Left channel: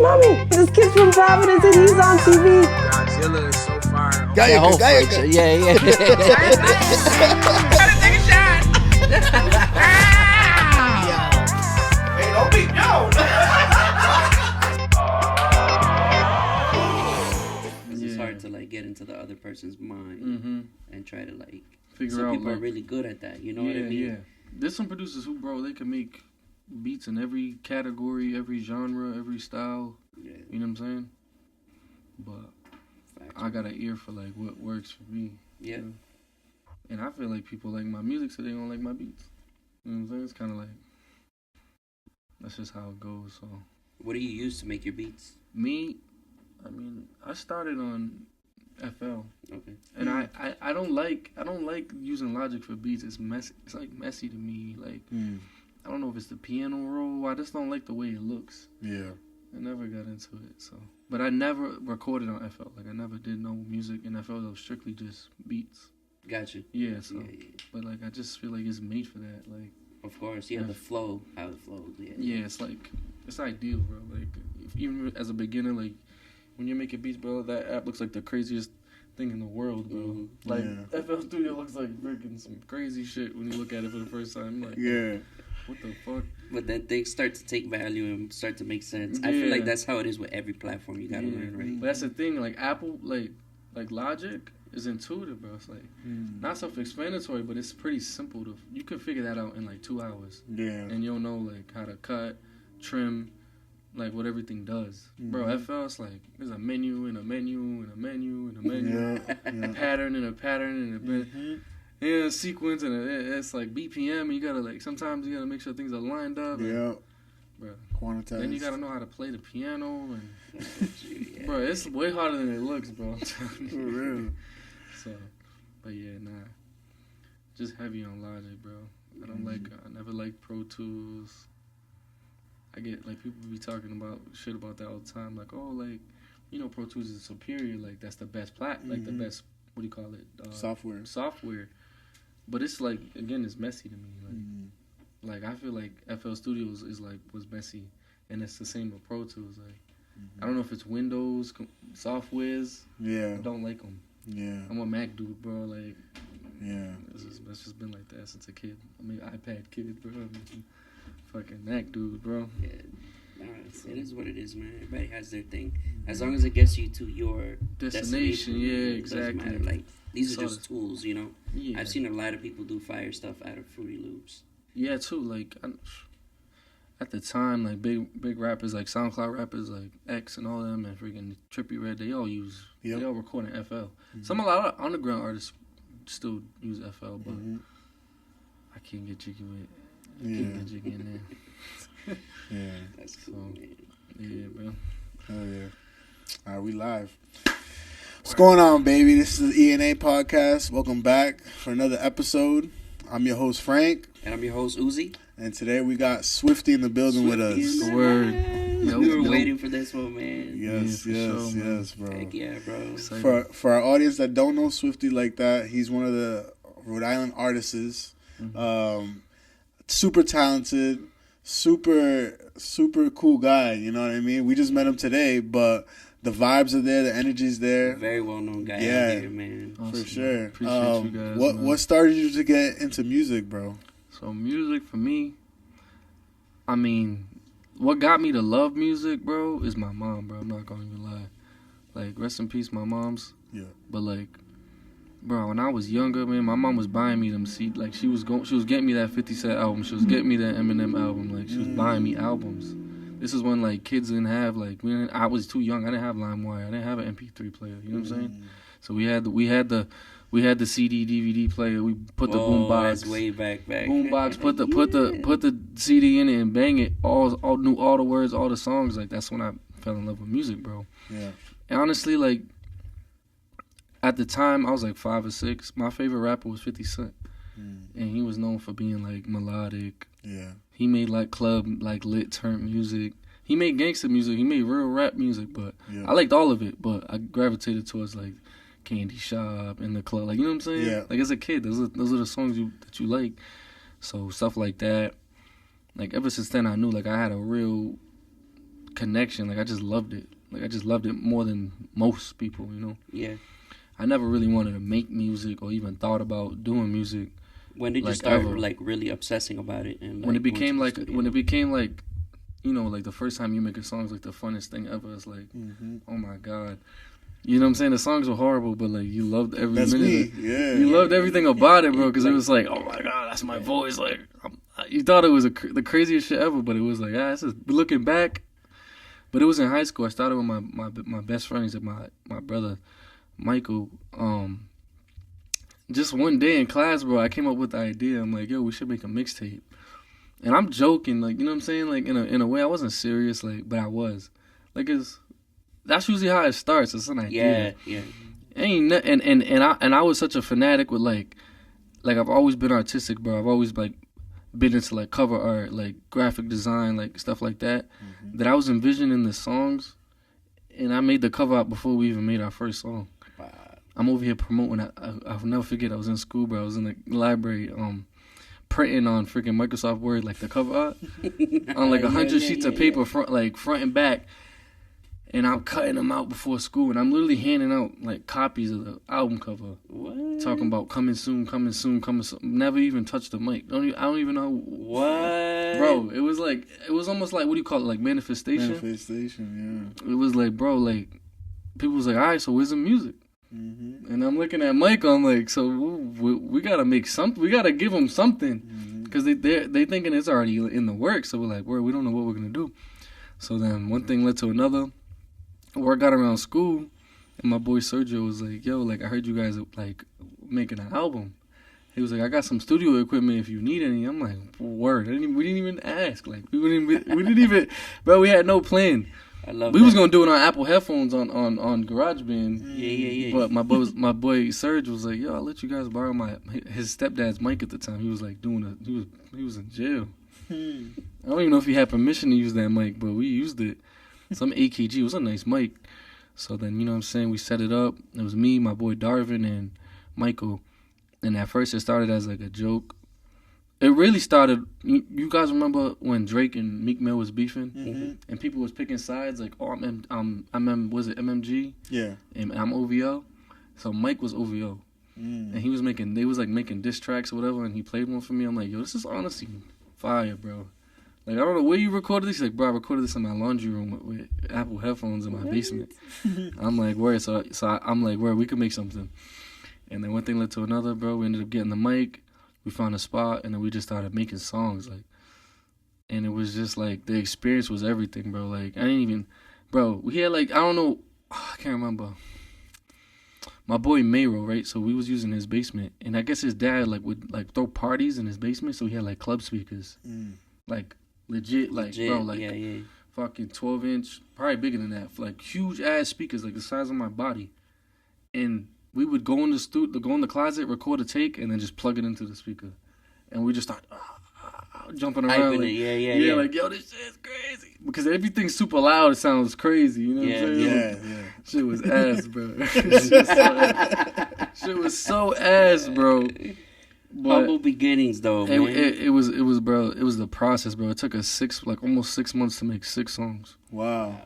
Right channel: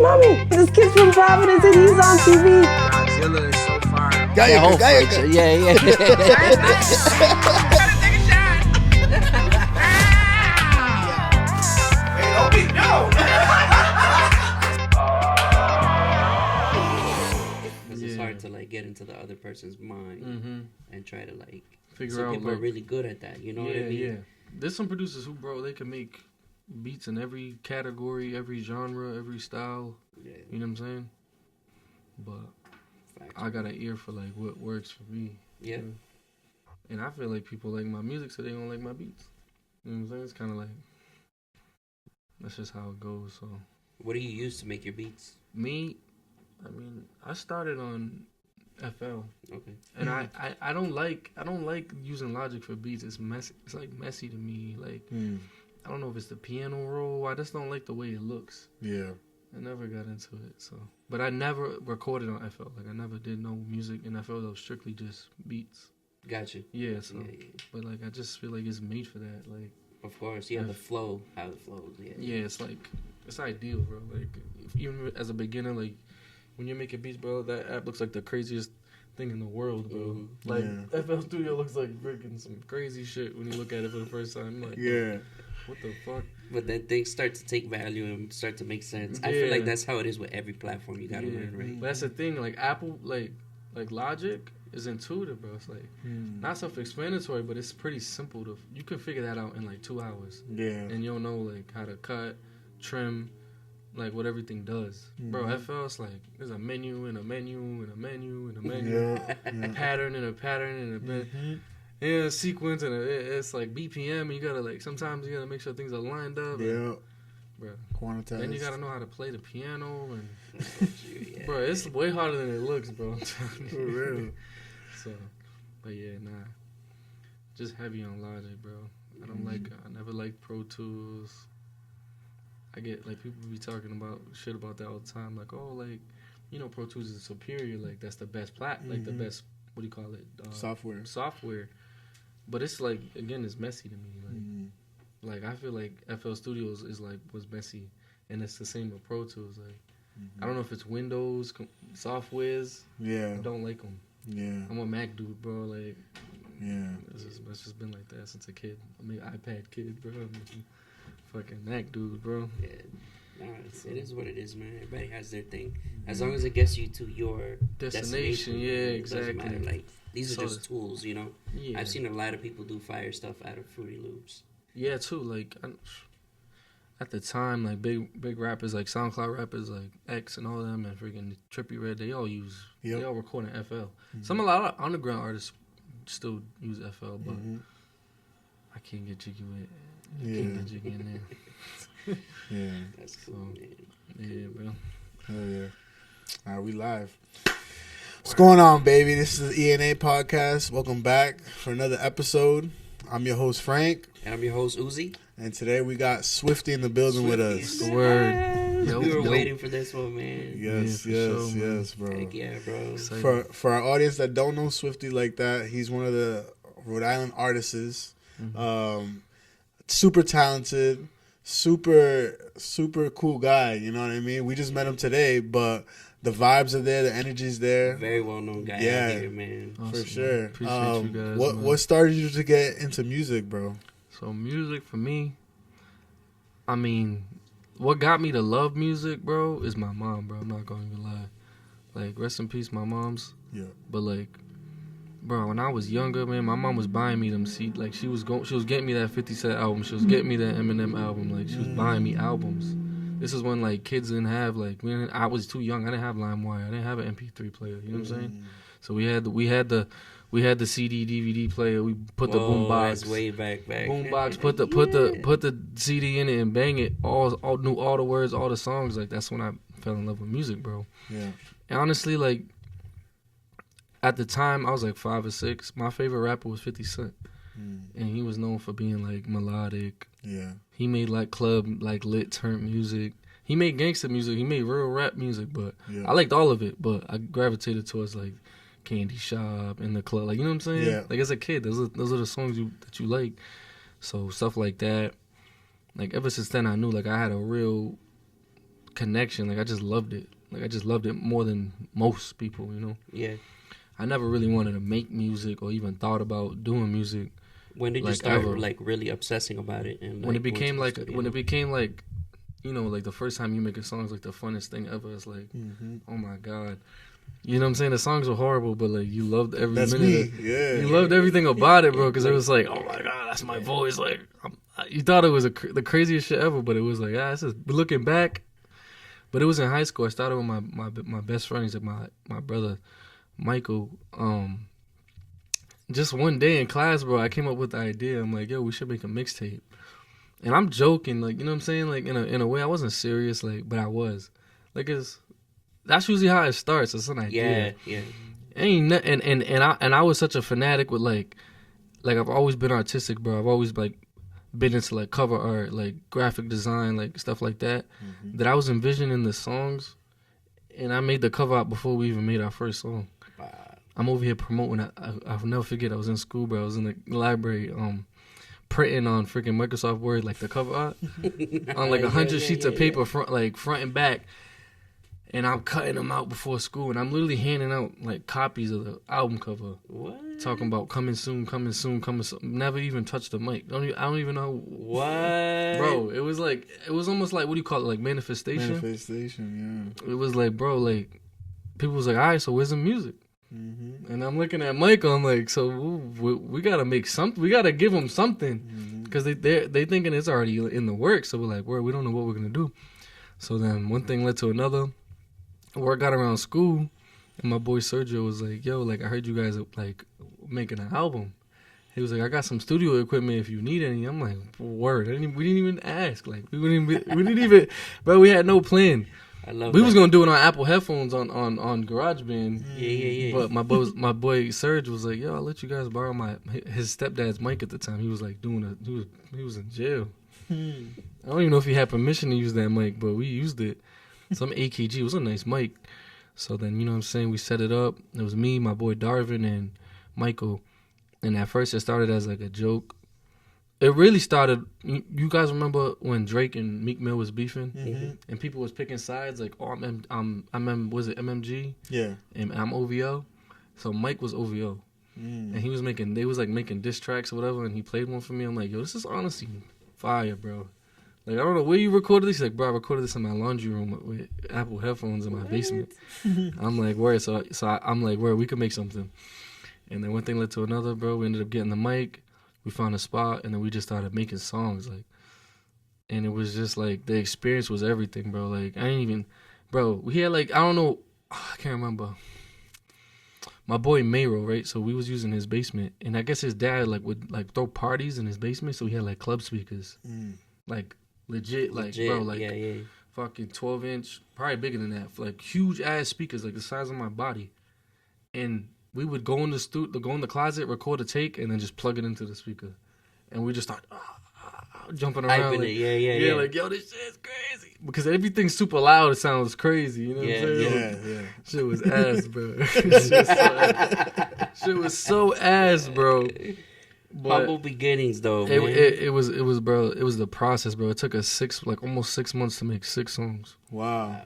Mommy, this kid's from Providence and he's on TV. Godzilla is so fire. Gayaka. Yeah. Take a shot. Hey, don't be It's hard to like get into the other person's mind and try to like figure some out. people are really good at that. You know what I mean? Yeah. There's some producers who, bro, they can make beats in every category, every genre, every style. Yeah. You know what I'm saying? But Facts, I got an ear for like what works for me. Yeah. You know? And I feel like people like my music, so they don't like my beats. You know what I'm saying? It's kind of like that's just how it goes. So What do you use to make your beats? me, I mean, I started on FL. Okay. And I don't like using Logic for beats. It's messy. It's like messy to me. Like I don't know if it's the piano roll. I just don't like the way it looks. Yeah. I never got into it. So, but I never recorded on FL. Like I never did no music in FL. That was strictly just beats. Gotcha. Yeah. So, Yeah. but like I just feel like it's made for that. Like Of course. Yeah, the flow, how it flows. Yeah. yeah, it's like it's ideal, bro. Like even as a beginner, like when you're making beats, bro, that app looks like the craziest thing in the world, bro. Like FL Studio looks like freaking some crazy shit when you look at it for the first time. Like, what the fuck? But then things start to take value and start to make sense. I feel like that's how it is with every platform. You gotta learn, right? But that's the thing. Like Apple, like Logic is intuitive, bro. It's like not self-explanatory, but it's pretty simple to. You can figure that out in like 2 hours. Yeah. And you'll know like how to cut, trim, like what everything does. Bro, FL is like there's a menu and a menu and a menu and a menu, a pattern and a pattern and a sequence and it's like BPM. And you gotta like sometimes you gotta make sure things are lined up. Yeah. Bro. Quantized. Then you gotta know how to play the piano and bro, it's way harder than it looks, bro. For real. So, but yeah, nah. Just heavy on Logic, bro. I never liked Pro Tools. I get like people be talking about shit about that all the time, like, oh, like, you know, Pro Tools is superior, like that's the best like the best, what do you call it? Software. But it's like, again, it's messy to me. Like I feel like FL Studios was messy, and it's the same with Pro Tools. Like I don't know if it's Windows softwares. Yeah. I don't like them. Yeah. I'm a Mac dude, bro. Like yeah, it's just been like that since a kid. I'm an iPad kid, bro. Fucking Mac dude, bro. Yeah. Nah, it is what it is, man. Everybody has their thing. As long as it gets you to your destination. Yeah, it doesn't exactly. matter. Like these are just tools, you know. Yeah. I've seen a lot of people do fire stuff out of Fruity Loops. Yeah, too. Like at the time, like big rappers, like SoundCloud rappers, like X and all them, and freaking Trippie Redd, they all record in FL. A lot of underground artists still use FL, but I can't get jiggy with it. Can't get jiggy in there. Yeah. That's cool, man. Yeah, bro. Hell yeah. All right, we live. What's going on, baby? This is the ENA podcast. Welcome back for another episode. I'm your host, Frank. And I'm your host, Uzi. And today we got Swifty in the building with us. Word. We were waiting for this one, man. Yes, yes, bro. Heck yeah, bro. For our audience that don't know Swifty like that, he's one of the Rhode Island artists. Super talented, super cool guy. You know what I mean? We just met him today, but the vibes are there, the energy's there. Very well known guy out here, man. Awesome, for sure. Man. Appreciate you guys. What started you to get into music, bro? So music for me, I mean, what got me to love music, bro, is my mom, bro. I'm not gonna even lie. Like, rest in peace, my mom's. Yeah. But like, bro, when I was younger, man, my mom was buying me them CDs. Like, she was getting me that 50 Cent album. She was getting me that Eminem album. Like, she was buying me albums. This is when like kids didn't have like I was too young. I didn't have LimeWire. I didn't have an MP3 player. You know what I'm saying? So we had the CD DVD player. We put the boombox way back. Boombox. Put the CD in it and bang it. All knew all the words, all the songs. Like that's when I fell in love with music, bro. Yeah. And honestly, like at the time, I was like 5 or 6. My favorite rapper was 50 Cent, and he was known for being like melodic. Yeah. He made like club, like lit turn music. He made gangster music. He made real rap music, but I liked all of it. But I gravitated towards like Candy Shop and the club. Like, you know what I'm saying? Yeah. Like as a kid, those are the songs that you like. So stuff like that. Like ever since then, I knew like I had a real connection. Like I just loved it. Like I just loved it more than most people, you know. Yeah. I never really wanted to make music or even thought about doing music. When did you start like really obsessing about it? And when it became like you know, like the first time you make a song is like the funnest thing ever. It's like, oh my God. You know what I'm saying? The songs were horrible, but like you loved every minute. Me. Yeah. You loved everything about it, bro, because it was like, oh my God, that's my voice. Like, you thought it was the craziest shit ever, but it was like, this is looking back. But it was in high school. I started with my best friend. He's like my brother, Michael. Just one day in class, bro, I came up with the idea. I'm like, yo, we should make a mixtape. And I'm joking, like, you know what I'm saying? Like, in a way, I wasn't serious, like, but I was. Like, that's usually how it starts. It's an idea. Yeah. And I was such a fanatic with, like I've always been artistic, bro. I've always, like, been into, like, cover art, like, graphic design, like, stuff like that, that I was envisioning the songs, and I made the cover art before we even made our first song. Wow. I'm over here promoting. I'll never forget. I was in school, bro. I was in the library, printing on freaking Microsoft Word, like the cover art, on like 100 sheets of paper, front and back. And I'm cutting them out before school, and I'm literally handing out like copies of the album cover. What? Talking about coming soon. Never even touched the mic. I don't even know. What? Bro, it was almost like, what do you call it? Like manifestation? Manifestation, yeah. It was like, bro, like, people was like, all right, so where's the music? And I'm looking at Michael. I'm like, so we gotta make something. We gotta give him something, because they thinking it's already in the works. So we're like, we don't know what we're gonna do. So then one thing led to another. Word got around school, and my boy Sergio was like, yo, like, I heard you guys like making an album. He was like, I got some studio equipment if you need any. I'm like, word. We didn't even ask. Like, we didn't even, bro. We had no plan. I love. We was gonna do it on Apple headphones on GarageBand. Yeah. But my boy Serge was like, yo, I'll let you guys borrow his stepdad's mic at the time. He was like he was in jail. I don't even know if he had permission to use that mic, but we used it. Some AKG. It was a nice mic. So then, you know what I'm saying, we set it up. It was me, my boy Darvin, and Michael. And at first it started as like a joke. It really started, you guys remember when Drake and Meek Mill was beefing? And people was picking sides, like, oh, was it MMG? Yeah. And I'm OVO. So Mike was OVO. And they was making diss tracks or whatever, and he played one for me. I'm like, yo, this is honestly fire, bro. Like, I don't know where you recorded this. He's like, bro, I recorded this in my laundry room with Apple headphones in my basement. I'm like, word. So I'm like, word, we could make something. And then one thing led to another, bro. We ended up getting the mic. We found a spot, and then we just started making songs. Like, and it was just like, the experience was everything, bro. Like, we had like, I don't know, I can't remember. My boy Mayro, right? So we was using his basement, and I guess his dad like would like throw parties in his basement, so he had like club speakers, like legit, bro, like fucking 12-inch, probably bigger than that, like huge ass speakers, like the size of my body, and we would go in the closet, record a take, and then just plug it into the speaker, and we just start jumping around, like, yeah, like, yo, this shit is crazy, because everything's super loud. It sounds crazy, you know what I'm saying? Yeah. Shit was ass, bro. Shit was so ass, bro. But humble beginnings, though, man. It was, bro. It was the process, bro. It took us almost 6 months to make 6 songs. Wow.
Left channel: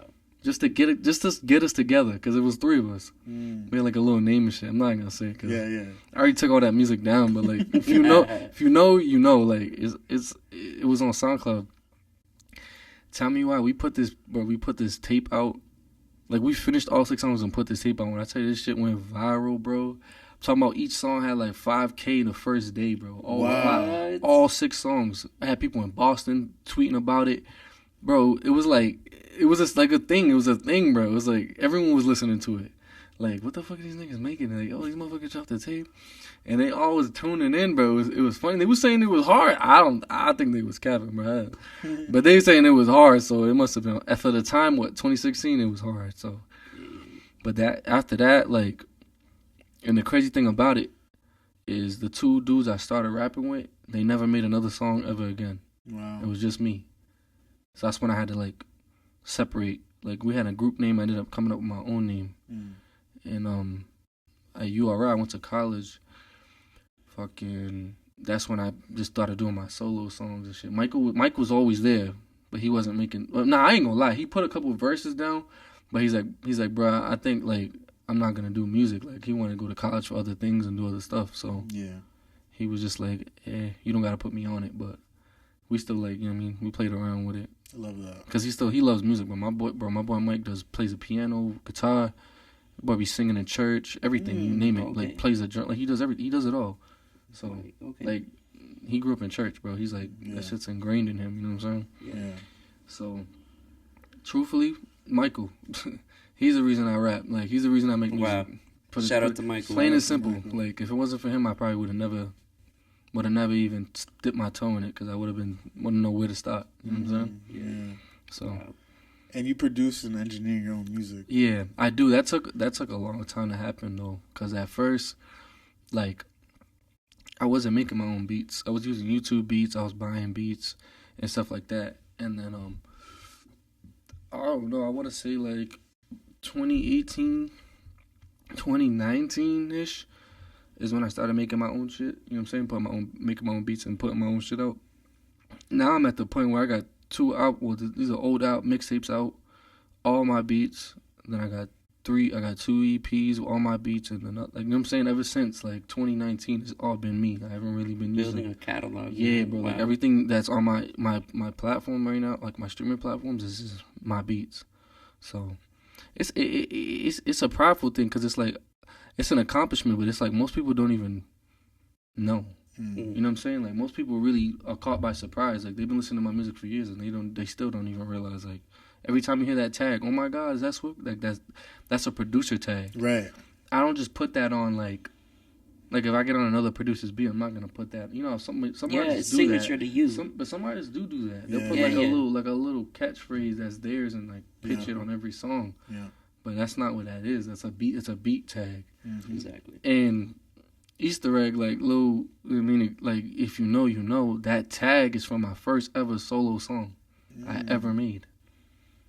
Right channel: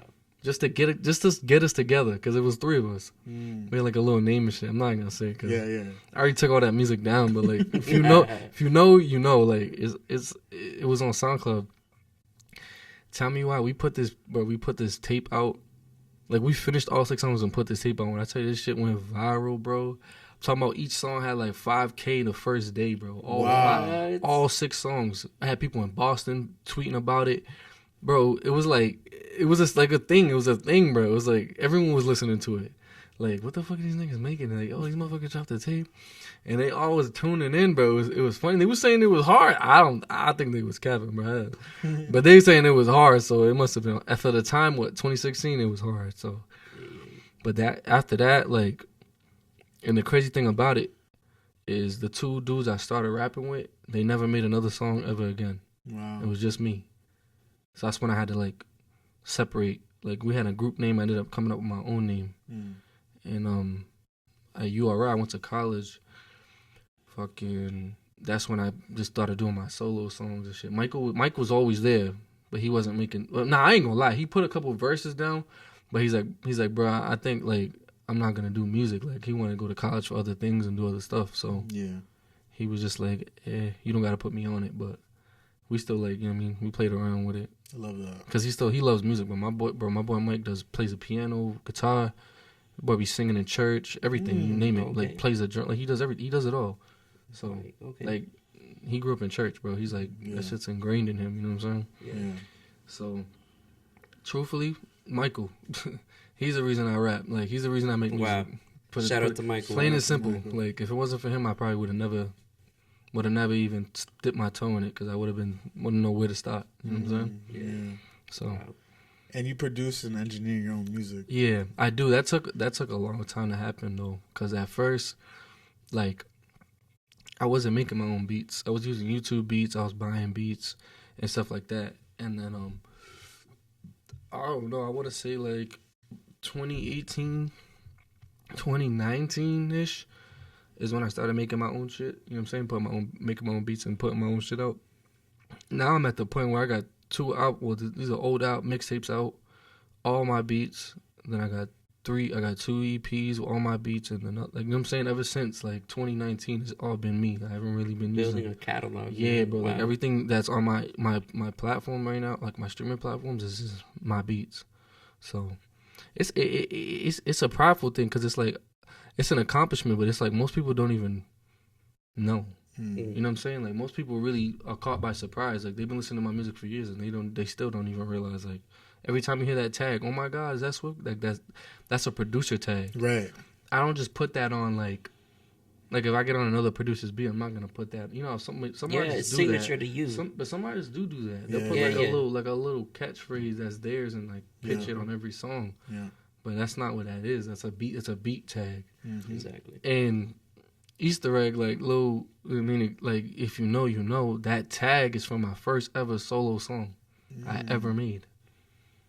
Just to get us together, because it was 3 of us. We had like a little name and shit. I'm not gonna say it, cause I already took all that music down. But like, if you know, you know. Like, it was on SoundCloud. Tell me why we put this tape out. Like, we finished all 6 songs and put this tape out. When I tell you, this shit went viral, bro. I'm talking about each song had like 5K the first day, bro. All 6 songs. I had people in Boston tweeting about it, bro. It was just like a thing. It was a thing, bro. It was like everyone was listening to it. Like, what the fuck are these niggas making? Like, oh, these motherfuckers dropped the tape, and they all was tuning in, bro. It was funny. They was saying it was hard. I think they was capping, bro. But they saying it was hard, so it must have been, for the time, 2016, it was hard. So, but after that, like, and the crazy thing about it is the 2 dudes I started rapping with, they never made another song ever again. Wow. It was just me. So that's when I had to like separate. Like, we had a group name. I ended up coming up with my own name. And at URI, I went to college. Fucking, that's when I just started doing my solo songs and shit. Mike was always there, but he wasn't making. Well, I ain't gonna lie. He put a couple of verses down, but he's like, bro, I think like I'm not gonna do music. Like he wanted to go to college for other things and do other stuff. So yeah, he was just like, you don't gotta put me on it, but we still like, you know what I mean? We played around with it. I love that. Cause he loves music. But my boy Mike plays the piano, guitar. Boy be singing in church, everything you name it. Okay. Like plays a drum. Like he does it all. So okay. like he grew up in church, bro. He's like that shit's ingrained in him. You know what I'm saying? Yeah. So truthfully, Michael, he's the reason I rap. Like he's the reason I make music. Wow. Shout out to Michael. Plain and simple. Michael. Like if it wasn't for him, I probably would have never even dipped my toe in it because I wouldn't know where to start. You know what I'm saying? Yeah. So. Wow. And you produce and engineer your own music. Yeah, I do. That took a long time to happen though, because at first, like, I wasn't making my own beats. I was using YouTube beats. I was buying beats and stuff like that. And then I don't know. I want to say like 2018, 2019-ish is when I started making my own shit. You know what I'm saying? Making my own beats and putting my own shit out. Now I'm at the point where I got 2 out. Well, these are old out mixtapes out. All my beats. Then I got 2 EPs with all my beats, and then like you know what I'm saying. Ever since like 2019, it's all been me. I haven't really been building a catalog. Yeah, bro. Wow. Like everything that's on my platform right now, like my streaming platforms, is my beats. So it's a prideful thing because it's like it's an accomplishment, but it's like most people don't even know. You know what I'm saying? Like most people really are caught by surprise. Like they've been listening to my music for years and they still don't even realize. Like every time you hear that tag, oh my God, is that Swift? Like that's a producer tag. Right. I don't just put that on like if I get on another producer's beat, I'm not gonna put that. You know, some artists do signature that. to you. But some artists do that. They'll Yeah. put a little catchphrase that's theirs and like pitch it on every song. Yeah. But that's not what that is. That's a beat. It's a beat tag. Mm-hmm. Exactly. And Easter egg, like Lil, I mean, like if you know, that tag is from my first ever solo song I ever made.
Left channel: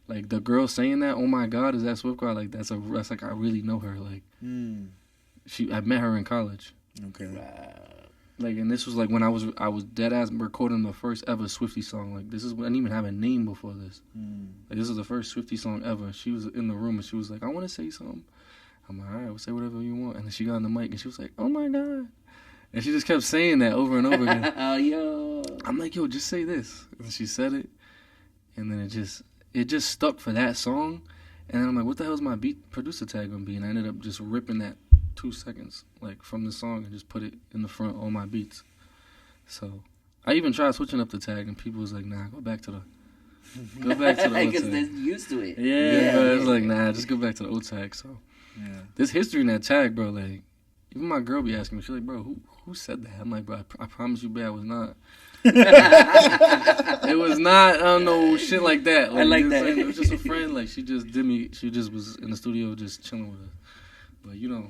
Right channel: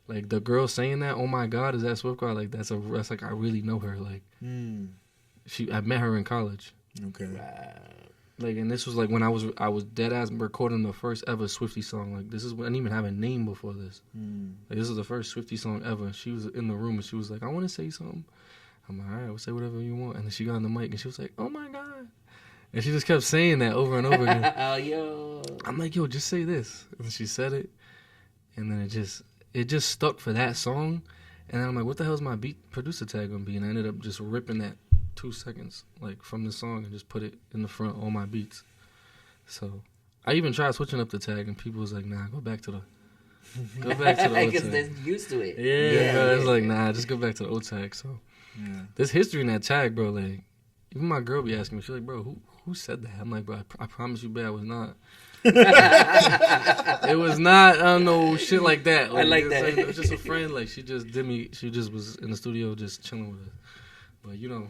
Like the girl saying that, oh my God, is that Swift Girl? Like that's like I really know her. Like I met her in college. Okay. Wow. Like and this was like when I was dead ass recording the first ever Swifty song. Like this is I didn't even have a name before this. Like this is the first Swifty song ever. She was in the room and she was like, I want to say something. I'm like, all right, we'll say whatever you want. And then she got on the mic and she was like, oh my God. And she just kept saying that over and over again. Oh, yo. I'm like, yo, just say this. And she said it. And then it just stuck for that song. And then I'm like, what the hell is my beat producer tag gonna be? And I ended up just ripping that 2 seconds like from the song and just put it in the front, all my beats. So I even tried switching up the tag and people was like, nah, go back to the old tag. Because they're used to it. Yeah, but it's like, nah, just go back to the old tag. So Yeah. there's history in that tag, bro. Like, even my girl be asking me, she's like, bro, who said that? I'm like, bro, I promise you, babe, I was not. It was not, I don't know, shit like that. I like you know that. what I'm saying? It was just a friend. Like, she just was in the studio just chilling with us. But, you know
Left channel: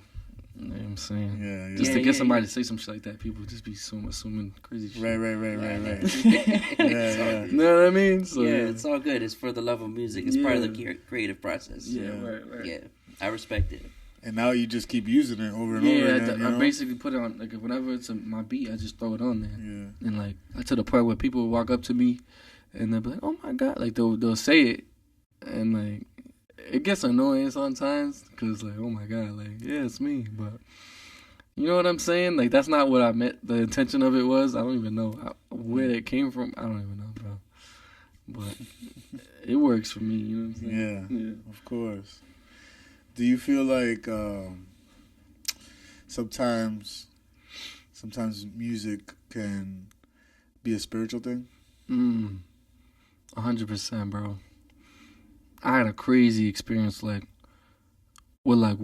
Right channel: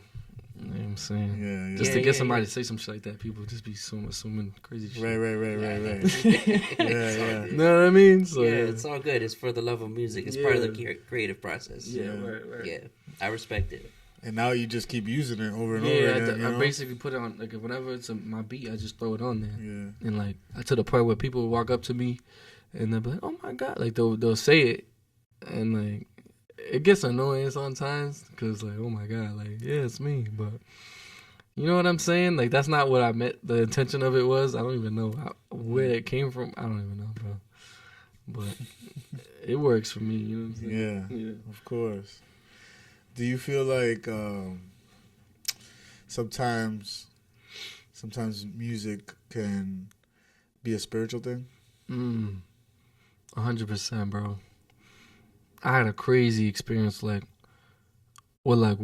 what I'm saying? Yeah. Just to get somebody to say some shit like that, people just be assuming crazy shit. Right. Yeah. You know what I mean? So, yeah, it's all good. It's for the love of music. It's part of the creative process. Yeah, right. Yeah, I respect it. And now you just keep using it over and over Yeah, again. I basically put it on, like, whenever it's my beat, I just throw it on there. Yeah. And, like, to the point where people would walk up to me and they'll be like, oh my God. Like, they'll say it. And, like, it gets annoying sometimes because, like, oh my God. Like, yeah, it's me. But, you know what I'm saying? Like, that's not what I meant. The intention of it was. I don't even know where it came from. I don't even know, bro. But it works for me. You know what I'm saying? Yeah. Of course. Do you feel like sometimes music can be a spiritual thing? 100%, bro. I had a crazy experience, like, with, like,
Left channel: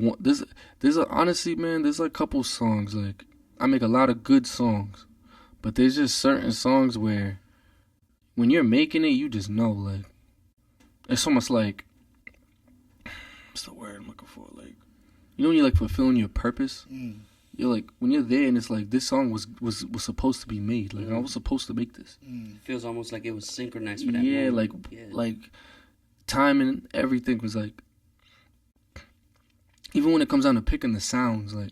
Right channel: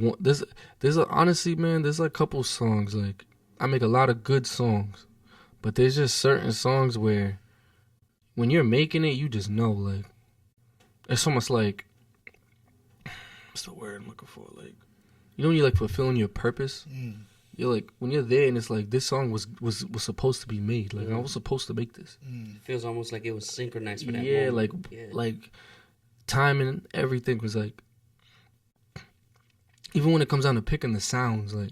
honestly, man, there's, like, a couple songs, like, I make a lot of good songs, but there's just certain songs where when you're making it, you just know, like, it's almost like, what's the word I'm looking for? Like, you know when you're like fulfilling your purpose? You're like, when you're there and it's like, this song was supposed to be made. Like, I was supposed to make this. It feels almost like it was synchronized for that Yeah, moment. like timing and everything was like, even when it comes down to picking the sounds, like,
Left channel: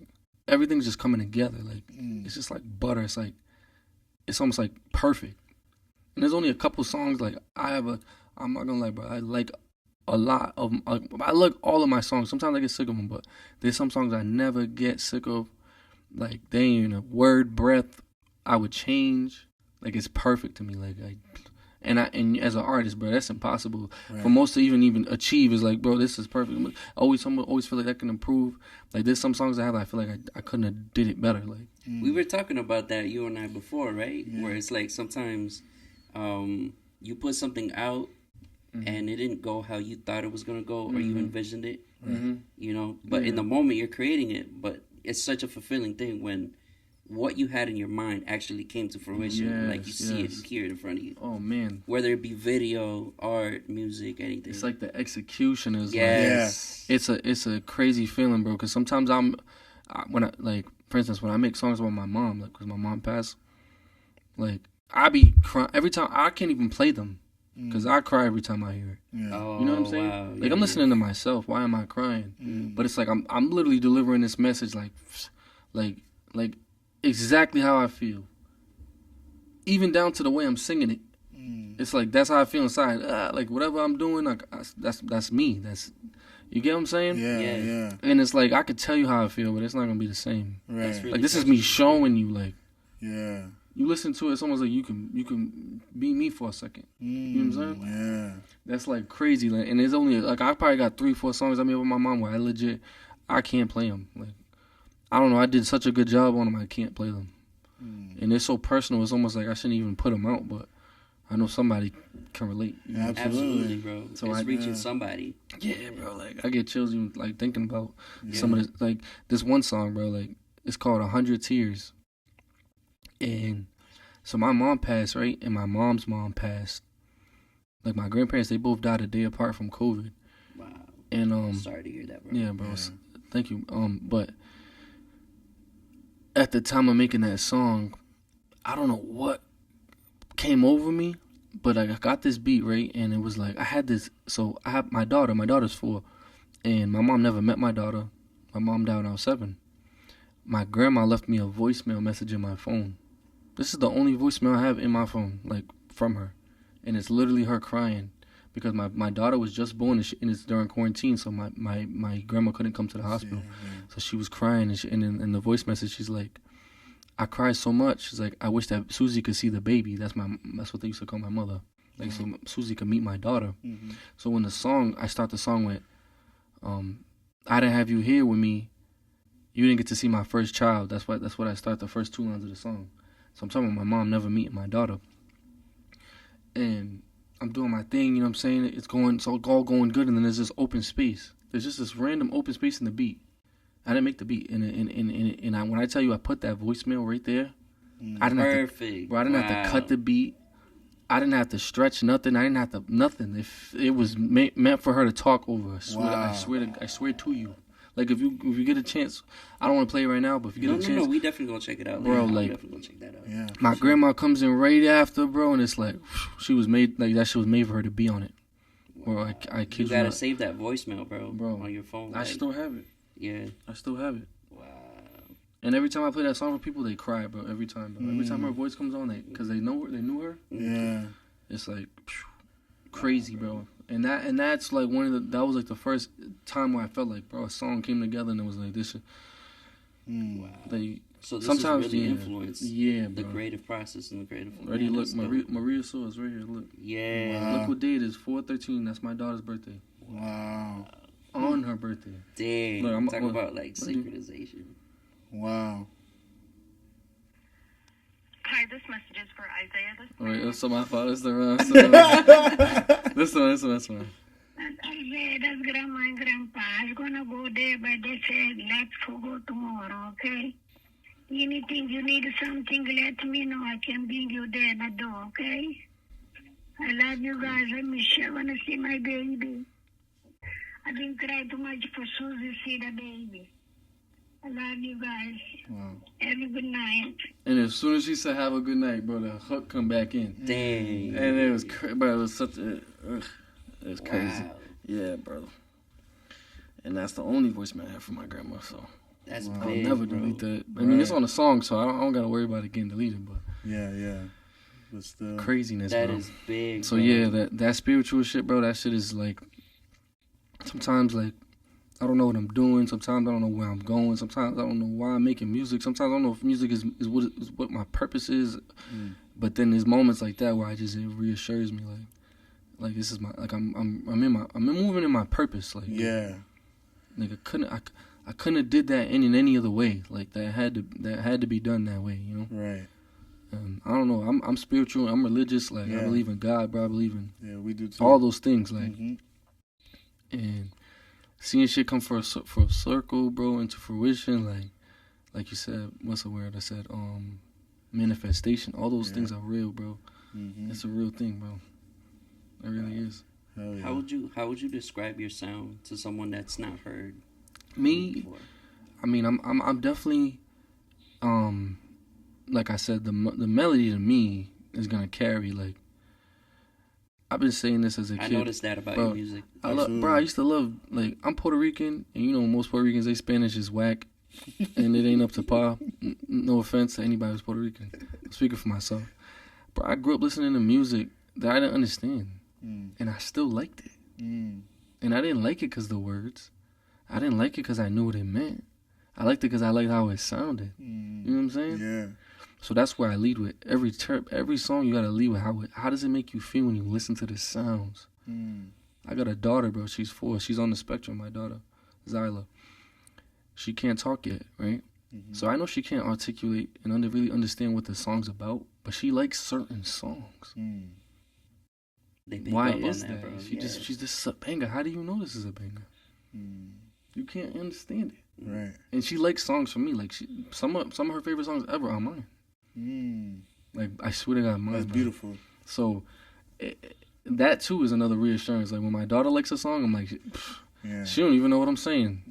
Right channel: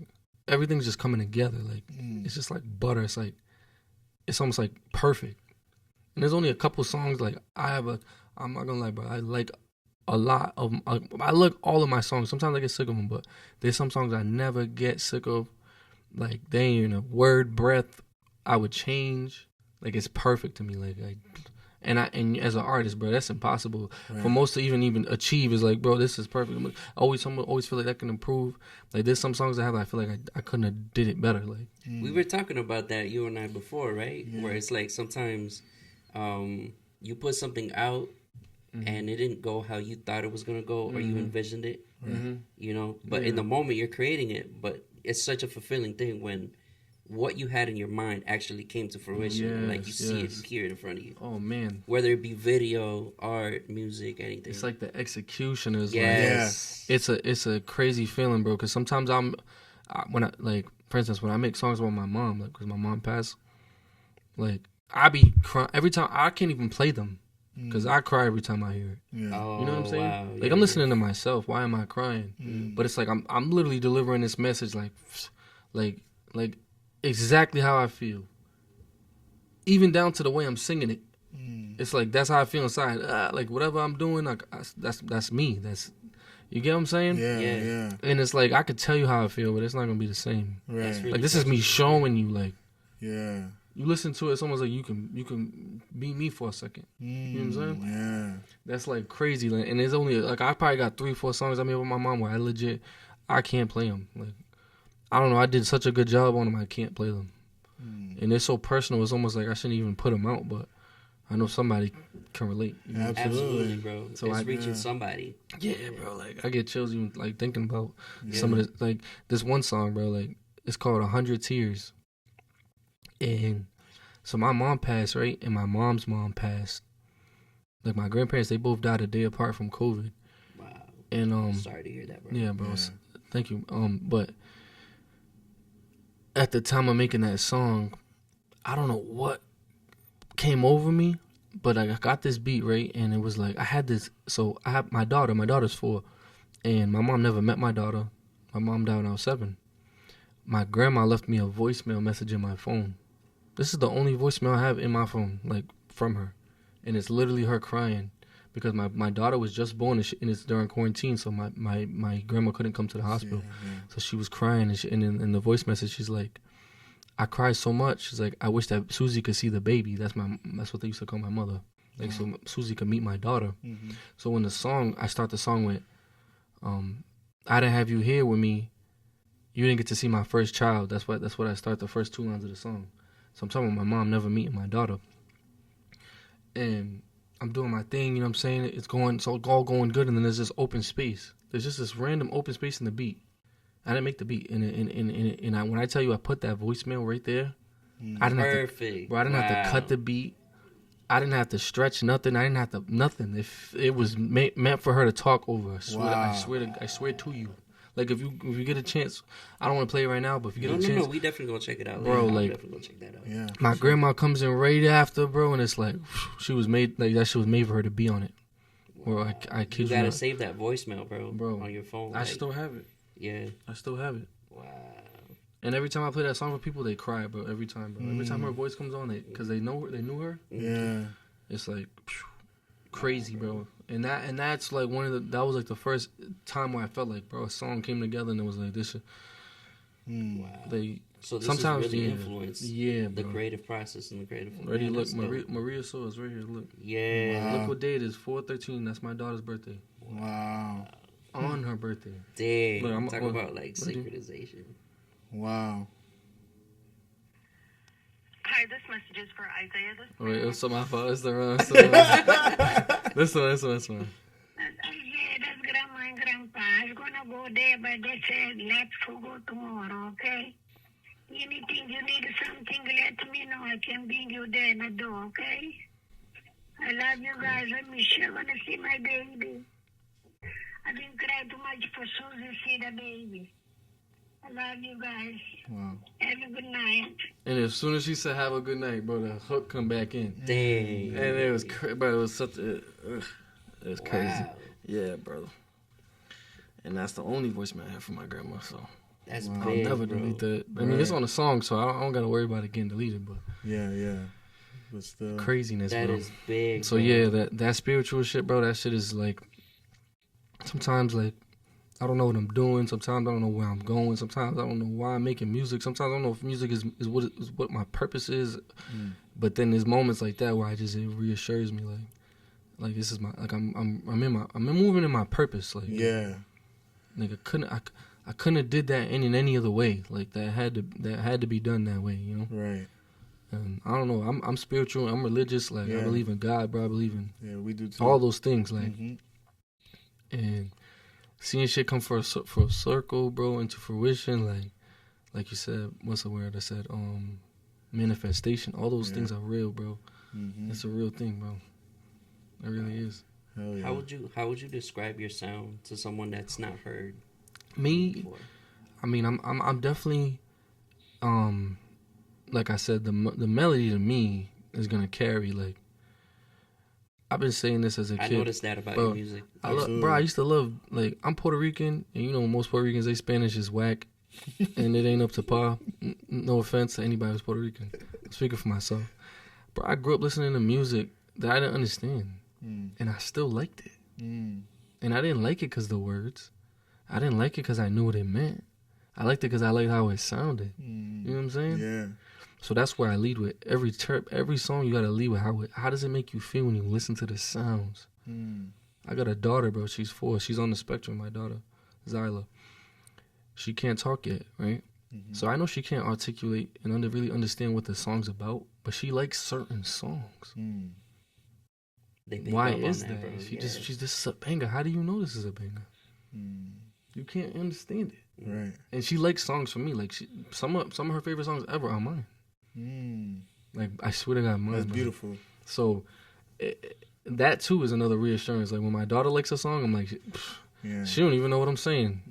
everything's just coming together. Like, it's just like butter. It's like, it's almost like perfect. And there's only a couple songs like I'm not gonna lie, bro. I like a lot of. I like all of my songs. Sometimes I get sick of them, but there's some songs I never get sick of. Like they ain't in a word breath I would change. Like it's perfect to me. And as an artist, bro, that's impossible for most to even achieve. Is like, bro, this is perfect. Someone always feel like that can improve. Like there's some songs I have, I feel like I couldn't have did it better. Like we were talking about that, you and I, before, right? Yeah. Where it's like sometimes you put something out and it didn't go how you thought it was gonna go or you envisioned it. You know, but in the moment you're creating it, but it's such a fulfilling thing when what you had in your mind actually came to fruition. Yes, like you see it, you hear it in front of you. Oh man! Whether it be video, art, music, anything. It's like the execution is. Yes. Like, it's a crazy feeling, bro. Because sometimes for instance, when I make songs about my mom, like because my mom passed, like I be crying every time. I can't even play them because I cry every time I hear it. Yeah. Oh, you know what I'm saying? Wow. Like I'm listening to myself. Why am I crying? But it's like I'm literally delivering this message like exactly how I feel, even down to the way I'm singing it. It's like that's how I feel inside. Like whatever I'm doing, like that's me. That's, you get what I'm saying? Yeah. And it's like I could tell you how I feel, but it's not gonna be the same. Right. Really like this is me showing you. Like, yeah. You listen to it, it's almost like you can be me for a second. You know what I'm saying? Yeah. That's like crazy. Like, and there's only like I probably got 3-4 songs I made with my mom where I can't play them. Like, I don't know. I did such a good job on them. I can't play them. And they're so personal. It's almost like I shouldn't even put them out, but I know somebody can relate. You know? Absolutely, bro. So it's reaching somebody. Yeah, bro. Like I get chills even like thinking about some of this. Like this one song, bro. Like it's called 100 Tears. And so my mom passed, right? And my mom's mom passed. Like my grandparents, they both died a day apart from COVID. Wow. And sorry to hear that, bro. Yeah, bro. Yeah. Thank you. But at the time of making that song, I don't know what came over me, but I got this beat, right? And it was like I had this. So I have my daughter. My daughter's 4, and my mom never met my daughter. My mom died when I was 7. My grandma left me a voicemail message in my phone. This is the only voicemail I have in my phone, like from her, and it's literally her crying because my daughter was just born and it's during quarantine, so my grandma couldn't come to the hospital, so she was crying and in the voice message she's like, I cried so much. She's like, I wish that Susie could see the baby. That's what they used to call my mother, like so Susie could meet my daughter. So in the song, I start the song with, I didn't have you here with me. You didn't get to see my first child. That's what I start the first 2 lines of the song. So I'm talking about my mom never meeting my daughter. And I'm doing my thing, you know what I'm saying? It's all going good, and then there's this open space. There's just this random open space in the beat. I didn't make the beat. And when I tell you I put that voicemail right there, I didn't have to cut the beat. I didn't have to stretch nothing. I didn't have to nothing. If it was meant for her to talk over. I swear to you. Like if you get a chance, I don't want to play it right now, but if you get a chance, we definitely gonna check it out, bro. Like, like, definitely gonna check that out. Yeah, my grandma comes in right after, bro, and it's like she was made like that. Shit was made for her to be on it. Wow. Or I kid you gotta not. save that voicemail, bro, on your phone. I still have it. Yeah, I still have it. Wow. And every time I play that song for people, they cry, bro. Every time, bro. Every time her voice comes on, because they knew her. Yeah, it's like crazy, bro. And that's like that was like the first time where I felt like, bro, a song came together and it was like this shit. Wow. So this sometimes is really influenced the bro. creative process and the creative. Ready, look, Maria Soul is right here. Look. Yeah. Wow. Look what day it is. 4/13. That's my daughter's birthday. Wow. On her birthday. Dang. Look, Talk about like synchronization. Wow. Hi, this message is for Isaiah. Wait, that's my fault. It's the wrong. This one. That's Isaiah, that's Grandma and Grandpa. I was going to go there, but they said, let's go tomorrow, okay? Anything you need something, let me know. I can bring you there in the door, okay? I love you guys. I miss you. I want to see my baby. I didn't cry too much for Susie see the baby. I love you guys. Wow. Have a good night. And as soon as she said have a good night, bro, the hook come back in. Dang. And it was bro, it was such a it was crazy. Wow. Yeah, brother. And that's the only voicemail I have from my grandma, so That's Wow. big, I'll never bro. delete that. I mean, it's on the song, so I don't got to worry about it getting deleted, but Yeah. but still. craziness, That bro. is big. So bro. yeah, that spiritual shit, bro. That shit is like sometimes like I don't know what I'm doing. Sometimes I don't know where I'm going. Sometimes I don't know why I'm making music. Sometimes I don't know if music is what my purpose is. But then there's moments like that where it reassures me like this is my like I'm moving in my purpose. Like Yeah. Like I couldn't have did that in any other way. Like that had to be done that way. You know. Right. I don't know. I'm spiritual. I'm religious. Like I believe in God, bro. I believe in we do too. all those things. Like Mm-hmm. and seeing shit come for a circle, bro, into fruition. Like you said, what's the word I said? Manifestation. All those things are real, bro. Mm-hmm. It's a real thing, bro. It really is. Hell yeah. How would you describe your sound to someone that's not heard Me, before? I mean, I'm definitely, like I said, the melody to me is gonna carry. Like I've been saying this as a kid. I noticed that about bro, your music. I used to love, like, I'm Puerto Rican, and you know most Puerto Ricans, they Spanish is whack, and it ain't up to par. No offense to anybody who's Puerto Rican. I'm speaking for myself. Bro, I grew up listening to music that I didn't understand, and I still liked it. And I didn't like it because the words. I didn't like it because I knew what it meant. I liked it because I liked how it sounded. You know what I'm saying? Yeah. So that's where I lead with. Every song you got to lead with how does it make you feel when you listen to the sounds? I got a daughter, bro. She's 4. She's on the spectrum, my daughter, Zyla. She can't talk yet, right? So I know she can't articulate and really understand what the song's about, but she likes certain songs. They pick Why up on is that, that? bro? She's this is a banger. How do you know this is a banger? You can't understand it. Right. And she likes songs from me. Like some of her favorite songs ever are mine. Like I swear to God, mine. That's bro. beautiful. So that too is another reassurance. Like when my daughter likes a song, I'm like, Yeah. she don't even know what I'm saying.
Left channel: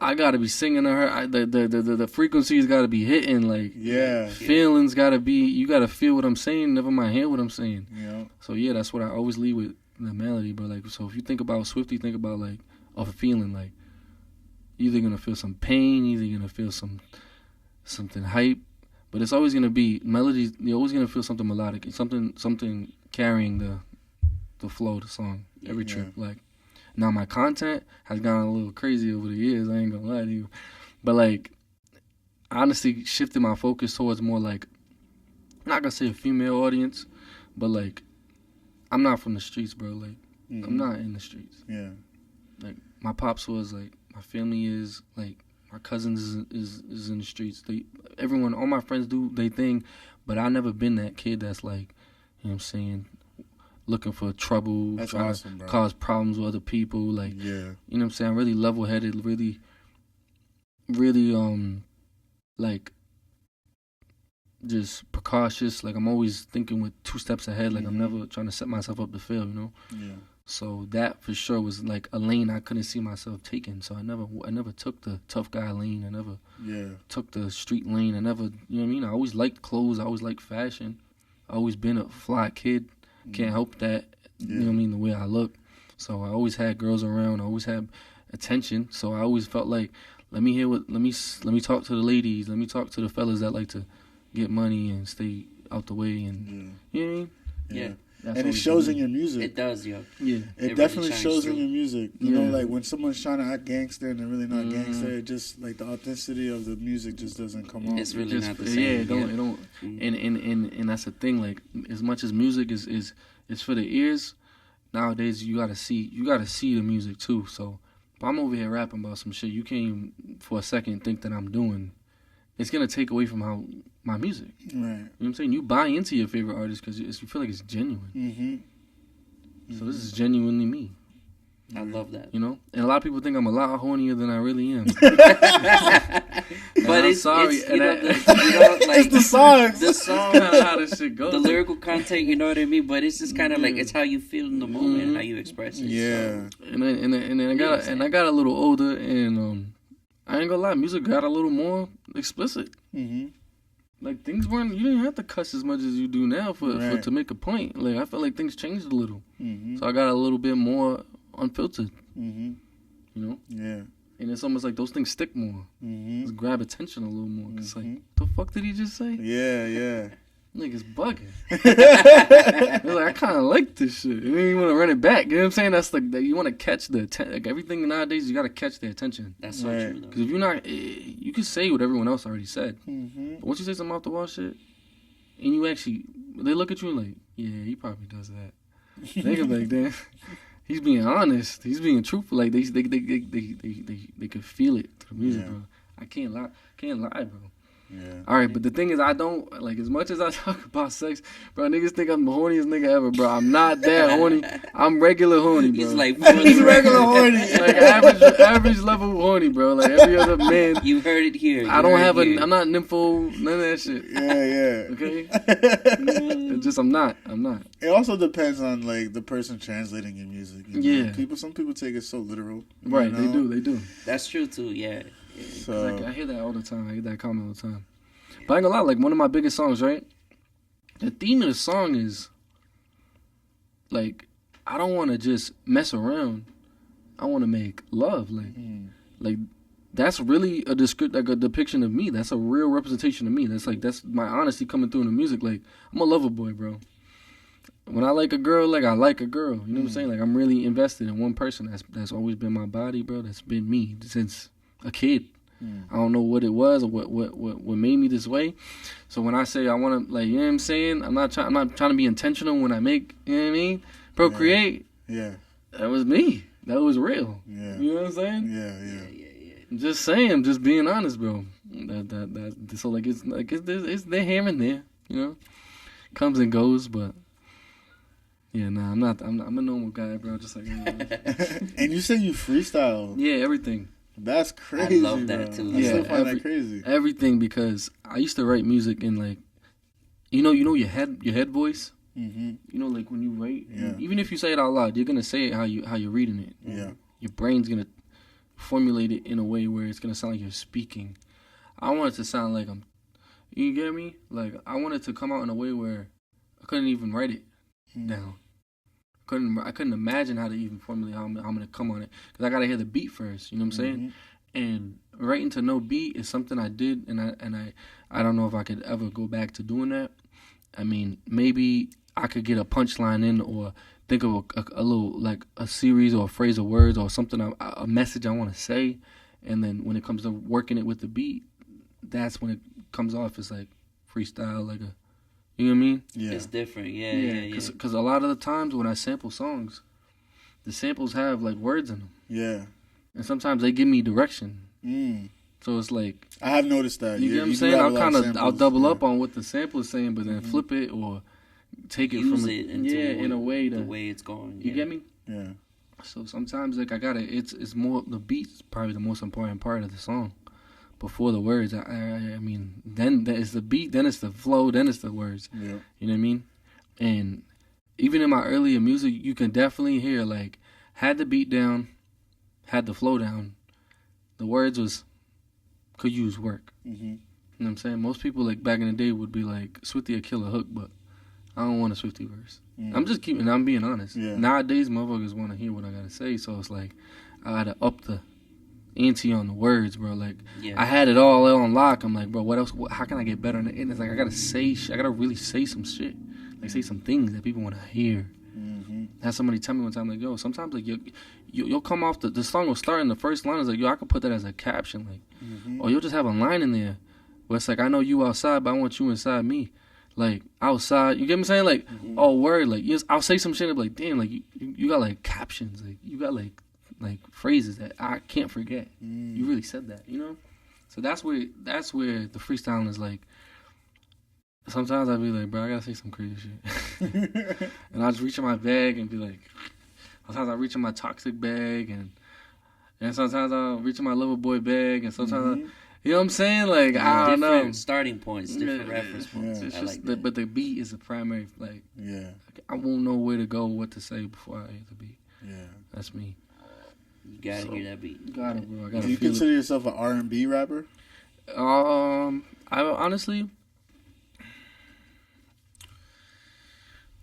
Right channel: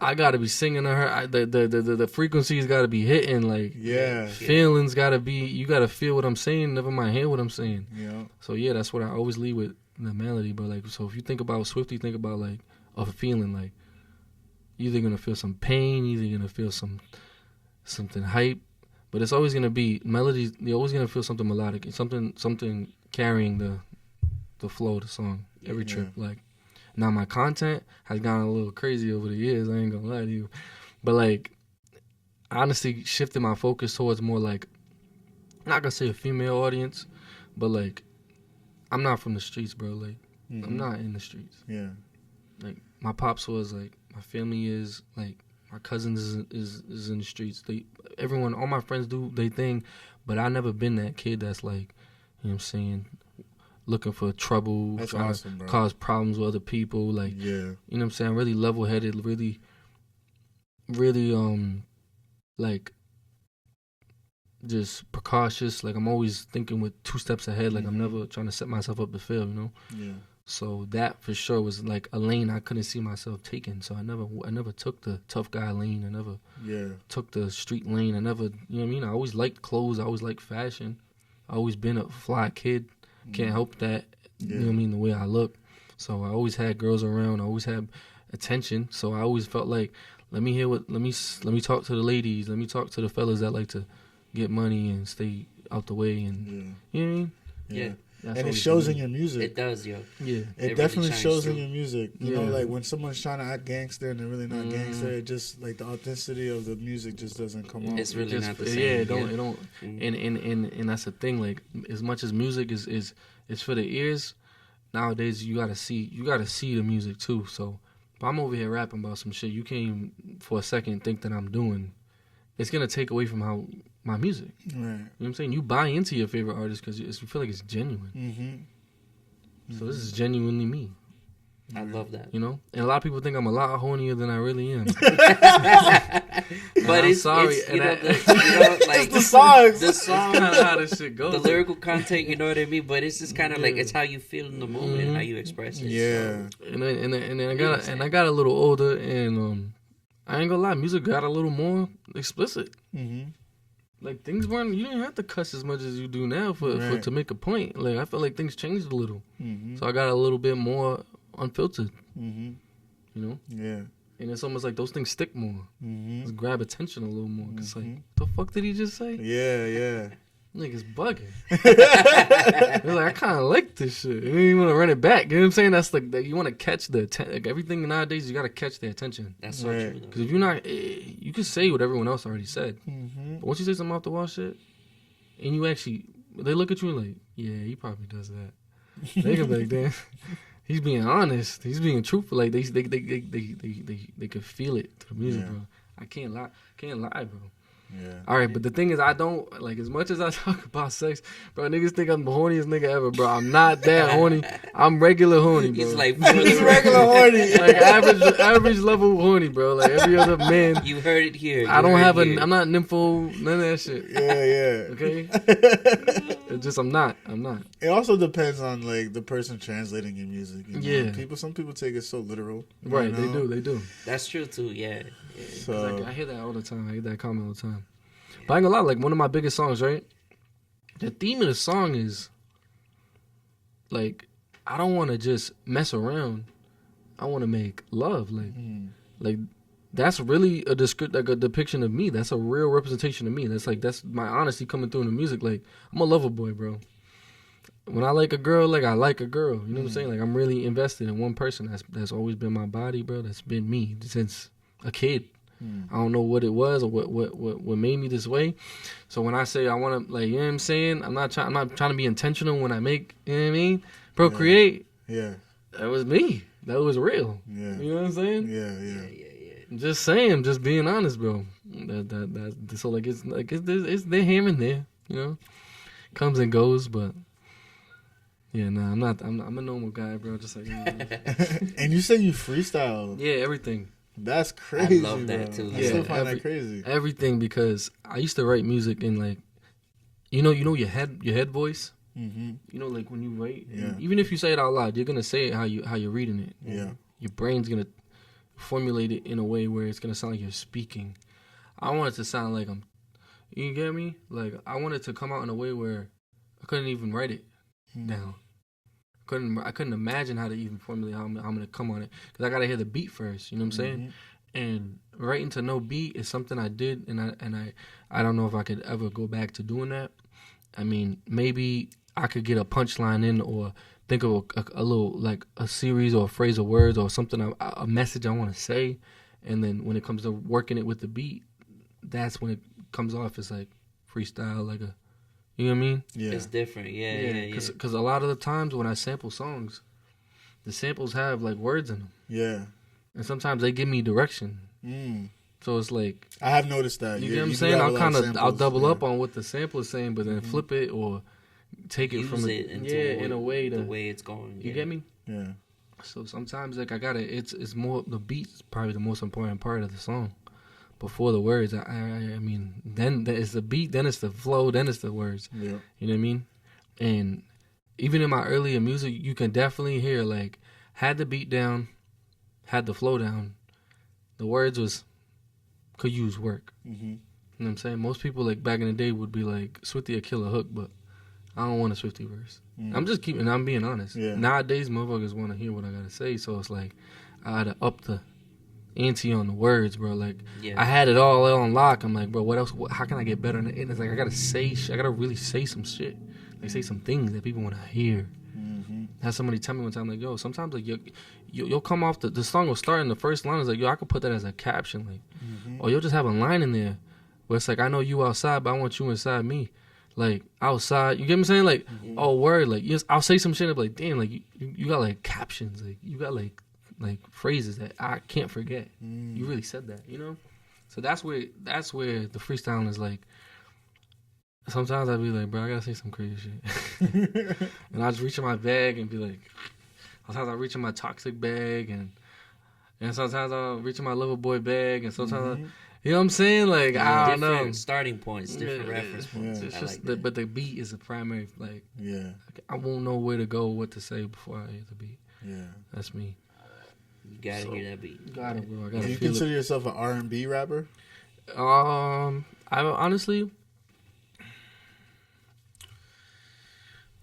I gotta be singing to her. The frequencies gotta be hitting. Like Yeah. feelings gotta be. You gotta feel what I'm saying. Never mind hear what I'm saying. Yeah. So yeah, that's what I always lead with, the melody. But like, so if you think about Swifty, think about like a feeling. Like you're either gonna feel some pain, either you're gonna feel something hype. But it's always gonna be melodies. You're always gonna feel something melodic, something carrying the flow of the song every trip. Like now, my content has gotten a little crazy over the years. I ain't gonna lie to you, but like, I honestly shifted my focus towards more like, I'm not gonna say a female audience, but like, I'm not from the streets, bro. Like, I'm not in the streets. Yeah. Like my pops was like, my family is like. My cousins is in the streets. Everyone, all my friends do their thing, but I never been that kid that's like, you know what I'm saying, looking for trouble, That's trying awesome, bro. to cause problems with other people. Like, Yeah. you know what I'm saying, really level-headed, really, like, just precautious. Like, I'm always thinking with 2 steps ahead. Like, I'm never trying to set myself up to fail, you know? Yeah. So that for sure was like a lane I couldn't see myself taking. So I never took the tough guy lane. I never took the street lane. I never, you know what I mean? I always liked clothes. I always liked fashion. I always been a fly kid. Can't help that. You know what I mean? The way I look. So I always had girls around. I always had attention. So I always felt like, let me talk to the ladies. Let me talk to the fellas that like to get money and stay out the way. And you know what I mean? Yeah. That's And it always shows been in me. your music. It does, yo. Yeah. It really definitely shines shows in through. your music. You know, Yeah. like when someone's trying to act gangster and they're really not gangster, it just like the authenticity of the music just doesn't come off. It's really Just- not the yeah, same. it don't. And that's the thing. Like as much as music is for the ears, nowadays you gotta see the music too. So if I'm over here rapping about some shit you can't even for a second think that I'm doing, it's gonna take away from how my music. Right. You know what I'm saying? You buy into your favorite artist because you feel like it's genuine. Mm-hmm. So this is genuinely me. I love that. You know, and a lot of people think I'm a lot hornier than I really am. But I'm it's sorry, It's, and you know, It's like the songs. the song, Kind of how this shit goes. the lyrical content. You know what I mean? But it's just kind of like it's how you feel in the moment, how you express it. Yeah. And then I got a little older, and I ain't gonna lie, music got a little more explicit. Mm-hmm. Like things weren't, you didn't have to cuss as much as you do now for Right. to make a point. Like I felt like things changed a little, Mm-hmm. so I got a little bit more unfiltered. Mm-hmm. You know, Yeah. and it's almost like those things stick more, Mm-hmm. just grab attention a little more. It's like, Mhm. the fuck did he just say? Yeah. Yeah. Niggas bugging. They're like, I kind of like this shit. You don't even want to run it back. You know what I'm saying? That's like you want to catch the attention. Like everything nowadays, you got to catch their attention. That's so Right. true, though. Because if you're not, you can say what everyone else already said. Mm-hmm. But once you say some off the wall shit, and you actually, they look at you and like, yeah, he probably does that. They can be like, damn, he's being honest. He's being truthful. Like they could feel it through the music, Yeah. bro. I can't lie, bro. Yeah. All right, but the thing is, I don't like as much as I talk about sex, bro. Niggas think I'm the horniest nigga ever, bro. I'm not that horny. I'm regular horny, bro. He's like, He's regular horny. like average level horny, bro. Like every other man. You heard it here. I don't have I'm not nympho, none of that shit. Yeah. Okay. It's just I'm not. It also depends on like the person translating your music. You know? Yeah. Some people take it so literal. you Right. know? They do. That's true too. Yeah. So I hear that all the time. I hear that comment all the time. But I ain't gonna lie, like one of my biggest songs, right? The theme of the song is like I don't want to just mess around. I want to make love. Like that's really a depiction of me. That's a real representation of me. That's my honesty coming through in the music. Like I'm a lover boy, bro. When I like a girl, like I like a girl. You know what I'm saying? Like I'm really invested in one person. That's always been my body, bro. That's been me since a kid. I don't know what it was or what made me this way. So when I say I want to, like, you know what I'm saying? I'm not trying to be intentional when I make, you know what I mean? Procreate. yeah. That was me. That was real. Yeah. You know what I'm saying? Yeah. I'm just saying. I'm just being honest, bro. So like it's there here and there. You know, comes and goes, but. Yeah, nah, I'm not. I'm a normal guy, bro. Just like And you say you freestyle. yeah, everything. That's crazy. I love that, bro. too. I Yeah, still find that crazy. Everything, because I used to write music in like, you know your head voice. Mm-hmm. You know, like when you write, Yeah. even if you say it out loud, you're gonna say it how you're reading it. Yeah. Your brain's gonna formulate it in a way where it's gonna sound like you're speaking. I want it to sound like I'm. You get me? Like I want it to come out in a way where I couldn't even write it down. I couldn't imagine how to even formulate how I'm gonna come on it, because I gotta hear the beat first. You know what I'm saying? And writing to no beat is something I did, and I don't know if I could ever go back to doing that. I mean, maybe I could get a punchline in, or think of a little, like a series or a phrase of words or something, a message I want to say, and then when it comes to working it with the beat, that's when it comes off as like freestyle, like a. You know what I mean? Yeah. It's different. Yeah. Because a lot of the times when I sample songs, the samples have like words in them. Yeah. And sometimes they give me direction. Mm. So it's like, I have noticed that. you Yeah, get what I'm do saying? have a lot of I'll samples, double yeah. up on what the sample is saying, but then flip it or take it Use from it into in a way the to, way it's going. you get me? Yeah. So sometimes like it's more, the beat's probably the most important part of the song. Before the words, I mean, then it's the beat, then it's the flow, then it's the words. Yeah. You know what I mean? And even in my earlier music, you can definitely hear like had the beat down, had the flow down, the words could use work. Mm-hmm. You know what I'm saying? Most people like back in the day would be like Swifty a killer hook, but I don't want a Swifty verse. I'm being honest. Yeah. Nowadays, motherfuckers want to hear what I gotta say, so it's like I gotta up the ante on the words, bro. Like I had it all on lock. I'm like, bro, what else? How can I get better? And it's like I gotta say shit. I gotta really say some shit. Like say some things that people want to hear. Mm-hmm. Had somebody tell me one time, like, yo, sometimes like you'll come off the song will start in the first line. It's like, yo, I could put that as a caption, like, or you'll just have a line in there where it's like, I know you outside, but I want you inside me. Like outside, you get what I'm saying? Like, oh word, like yes, I'll say some shit and be like, damn, like you got like captions, like you got like phrases that I can't forget. You really said that, you know? So that's where the freestyling is like. Sometimes I'd be like, bro, I gotta say some crazy shit. And I just reach in my bag and be like, sometimes I reach in my toxic bag, and sometimes I'll reach in my lover boy bag, and sometimes you know what I'm saying? Like, I don't know. Different starting points, different reference points. It's I just like that. but the beat is the primary, like, I won't know where to go, what to say before I hear the beat. Yeah. That's me. You gotta hear that beat. Got it, bro. I gotta Do you feel consider yourself an R&B rapper? it. I honestly,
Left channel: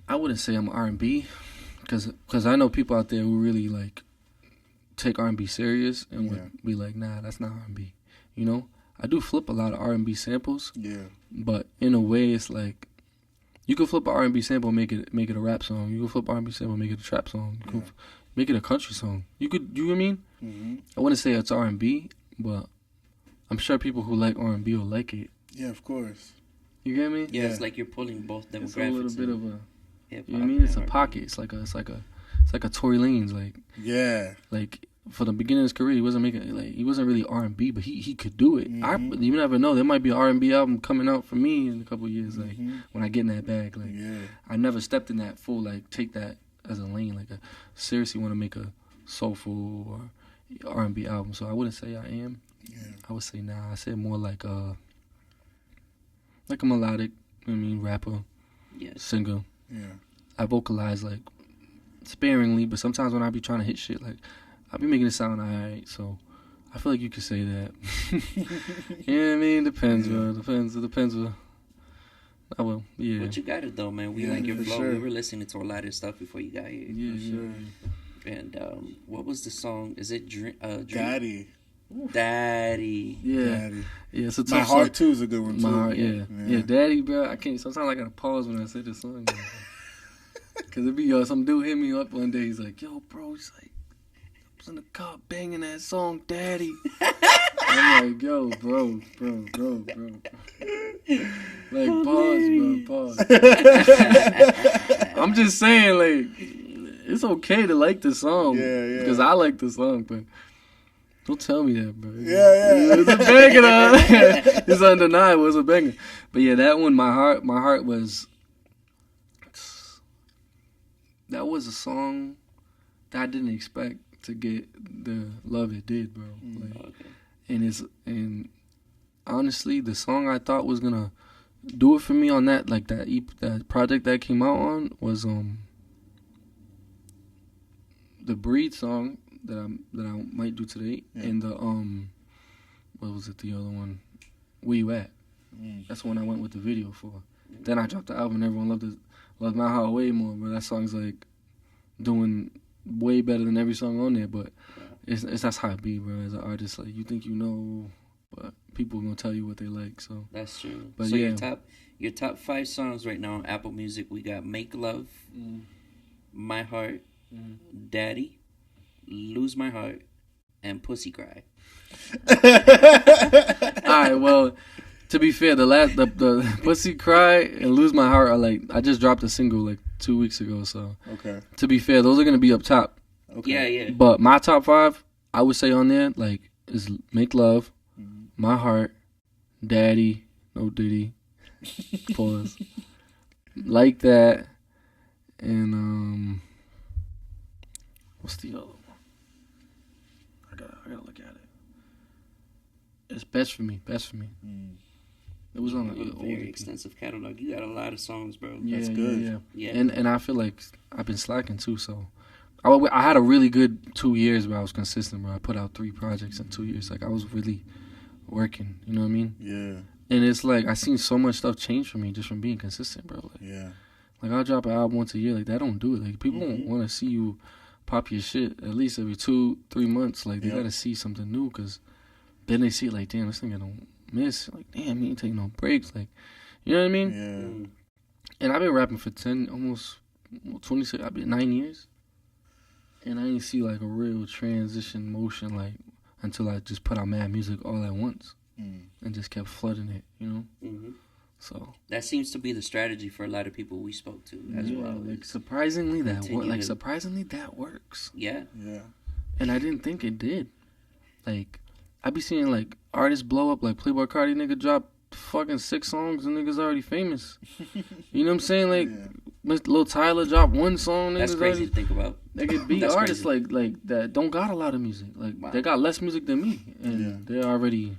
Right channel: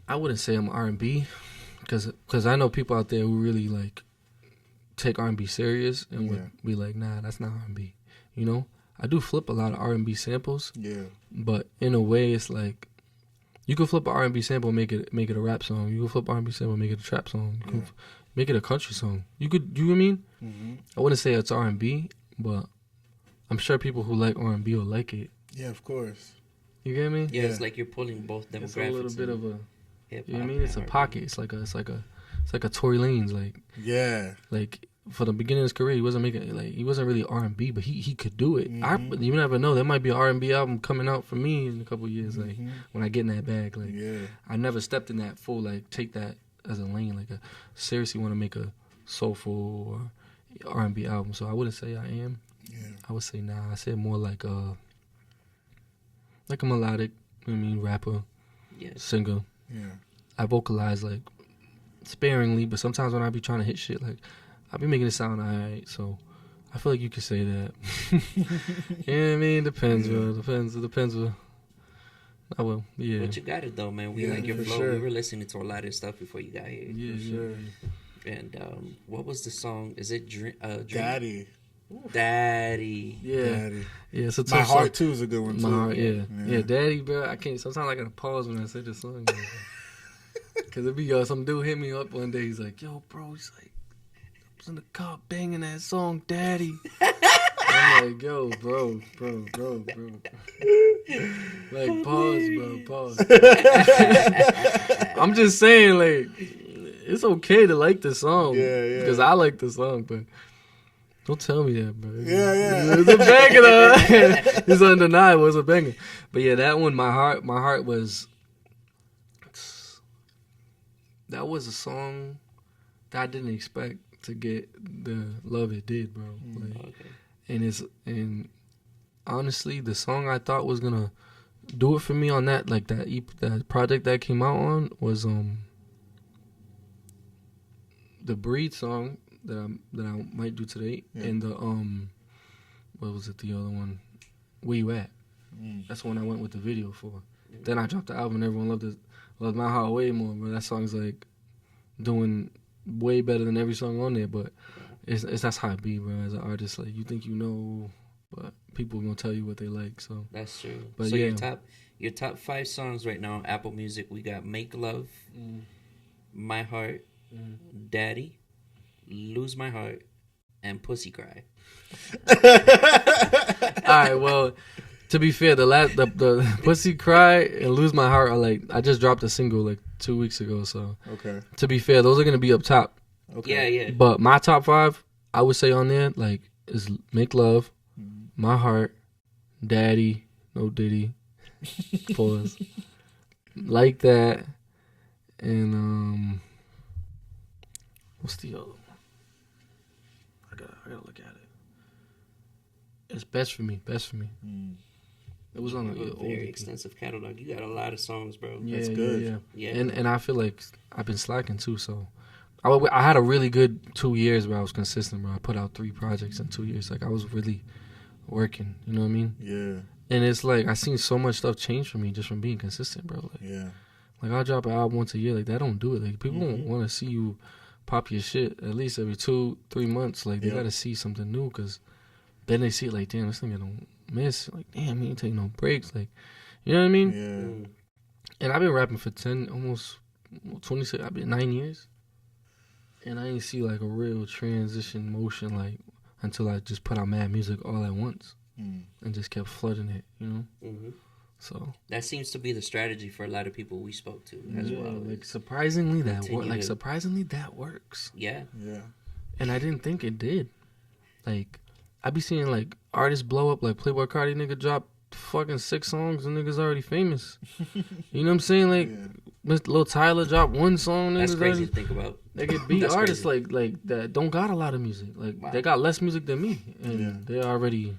I wouldn't say I'm R&B, because I know people out there who really like take R&B serious and would be like, nah, that's not R&B. You know, I do flip a lot of R&B samples. Yeah. But in a way, it's like You could flip an R&B sample and make it a rap song. You could flip R&B sample and make it a trap song. You could make it a country song. You know what I mean? Mm-hmm. I wouldn't say it's R&B, but I'm sure people who like R&B will like it. Yeah, of course. You get me? Yeah, it's like you're pulling both demographics. It's a little bit of a, hip-hop, you know what I mean? It's a pocket. It's like a Tory Lanez, like. Yeah. Like for the beginning of his career, he wasn't really R&B, but he could do it. You never know. There might be an R&B album coming out for me in a couple of years, like when I get in that bag. Like I never stepped in that full, like take that as a lane. Like I seriously want to make a soulful or R&B album. So I wouldn't say I am. Yeah. I would say nah. I said more like a melodic, you know what I mean, rapper, singer. Yeah. I vocalize like sparingly, but sometimes when I be trying to hit shit, like I be making it sound alright. So I feel like you could say that. You know what I mean? Depends, bro. It depends. I will. Yeah. But you got it though, man. We like your flow. Sure. We were listening to a lot of stuff before you got here. Yeah, sure. And what was the song? Is it Dream? Daddy. Daddy. Yeah. Daddy. Yeah, it's a tough My Heart song. too is a good one too. My Heart, yeah. Daddy, bro. I can't. Sometimes I gotta pause when I say this song. Cause it be some dude hit me up one day. He's like, "Yo, bro," he's like, "I was in the car banging that song, Daddy." I'm like, "Yo, bro." Like, pause. I'm just saying, like, it's okay to like the song. Yeah. Because I like the song, but don't tell me that, bro. Yeah. It's a banger, though. It's undeniable. It's a banger. But yeah, that one, my heart was. That was a song that I didn't expect to get the love it did, bro. And honestly, the song I thought was gonna do it for me on that, like that project that came out on was the Breed song that I might do today, and the what was it, the other one, Where You At? That's the one I went with the video for. Then I dropped the album and everyone loved My Heart way more, but that song's like doing way better than every song on there. But it's that's how it be, bro. As an artist, like you think you know, but people gonna tell you what they like. So that's true. But so your top 5 songs right now on Apple Music, we got Make Love, My Heart, Daddy, Lose My Heart, and Pussy Cry. All right, well. To be fair, the Pussy Cry and Lose My Heart are like, I just dropped a single like 2 weeks ago, so okay. To be fair, those are gonna be up top. Okay. Yeah. But my top 5, I would say on there like is Make Love, My Heart, Daddy, No Diddy, pause, Like That, and what's the other one? I gotta look at it. It's Best For Me. It was on a very extensive catalog. You got a lot of songs, bro. Yeah, that's good. Yeah. And I feel like I've been slacking too. So I had a really good 2 years where I was consistent, bro. I put out 3 projects in 2 years. Like I was really working. You know what I mean? Yeah. And it's like I seen so much stuff change for me just from being consistent, bro. Like, yeah. Like I'll drop an album once a year. Like that don't do it. Like people don't want to see you pop your shit at least every 2-3 months. Like they gotta see something new, because then they see it like, damn, this nigga don't miss. Like, damn, he ain't taking no breaks. Like, you know what I mean? Yeah. And I've been rapping for 10, almost 26. I've been 9 years, and I ain't see like a real transition motion like until I just put out mad music all at once and just kept flooding it. You know. So that seems to be the strategy for a lot of people we spoke to as well. Like surprisingly that works. Yeah. And I didn't think it did. Like I be seeing like artists blow up, like Playboi Carti nigga drop fucking 6 songs and niggas already famous. You know what I'm saying? Like Lil Tyler dropped 1 song. That's crazy to think about. They could be artists like that don't got a lot of music. Like they got less music than me, and they're already,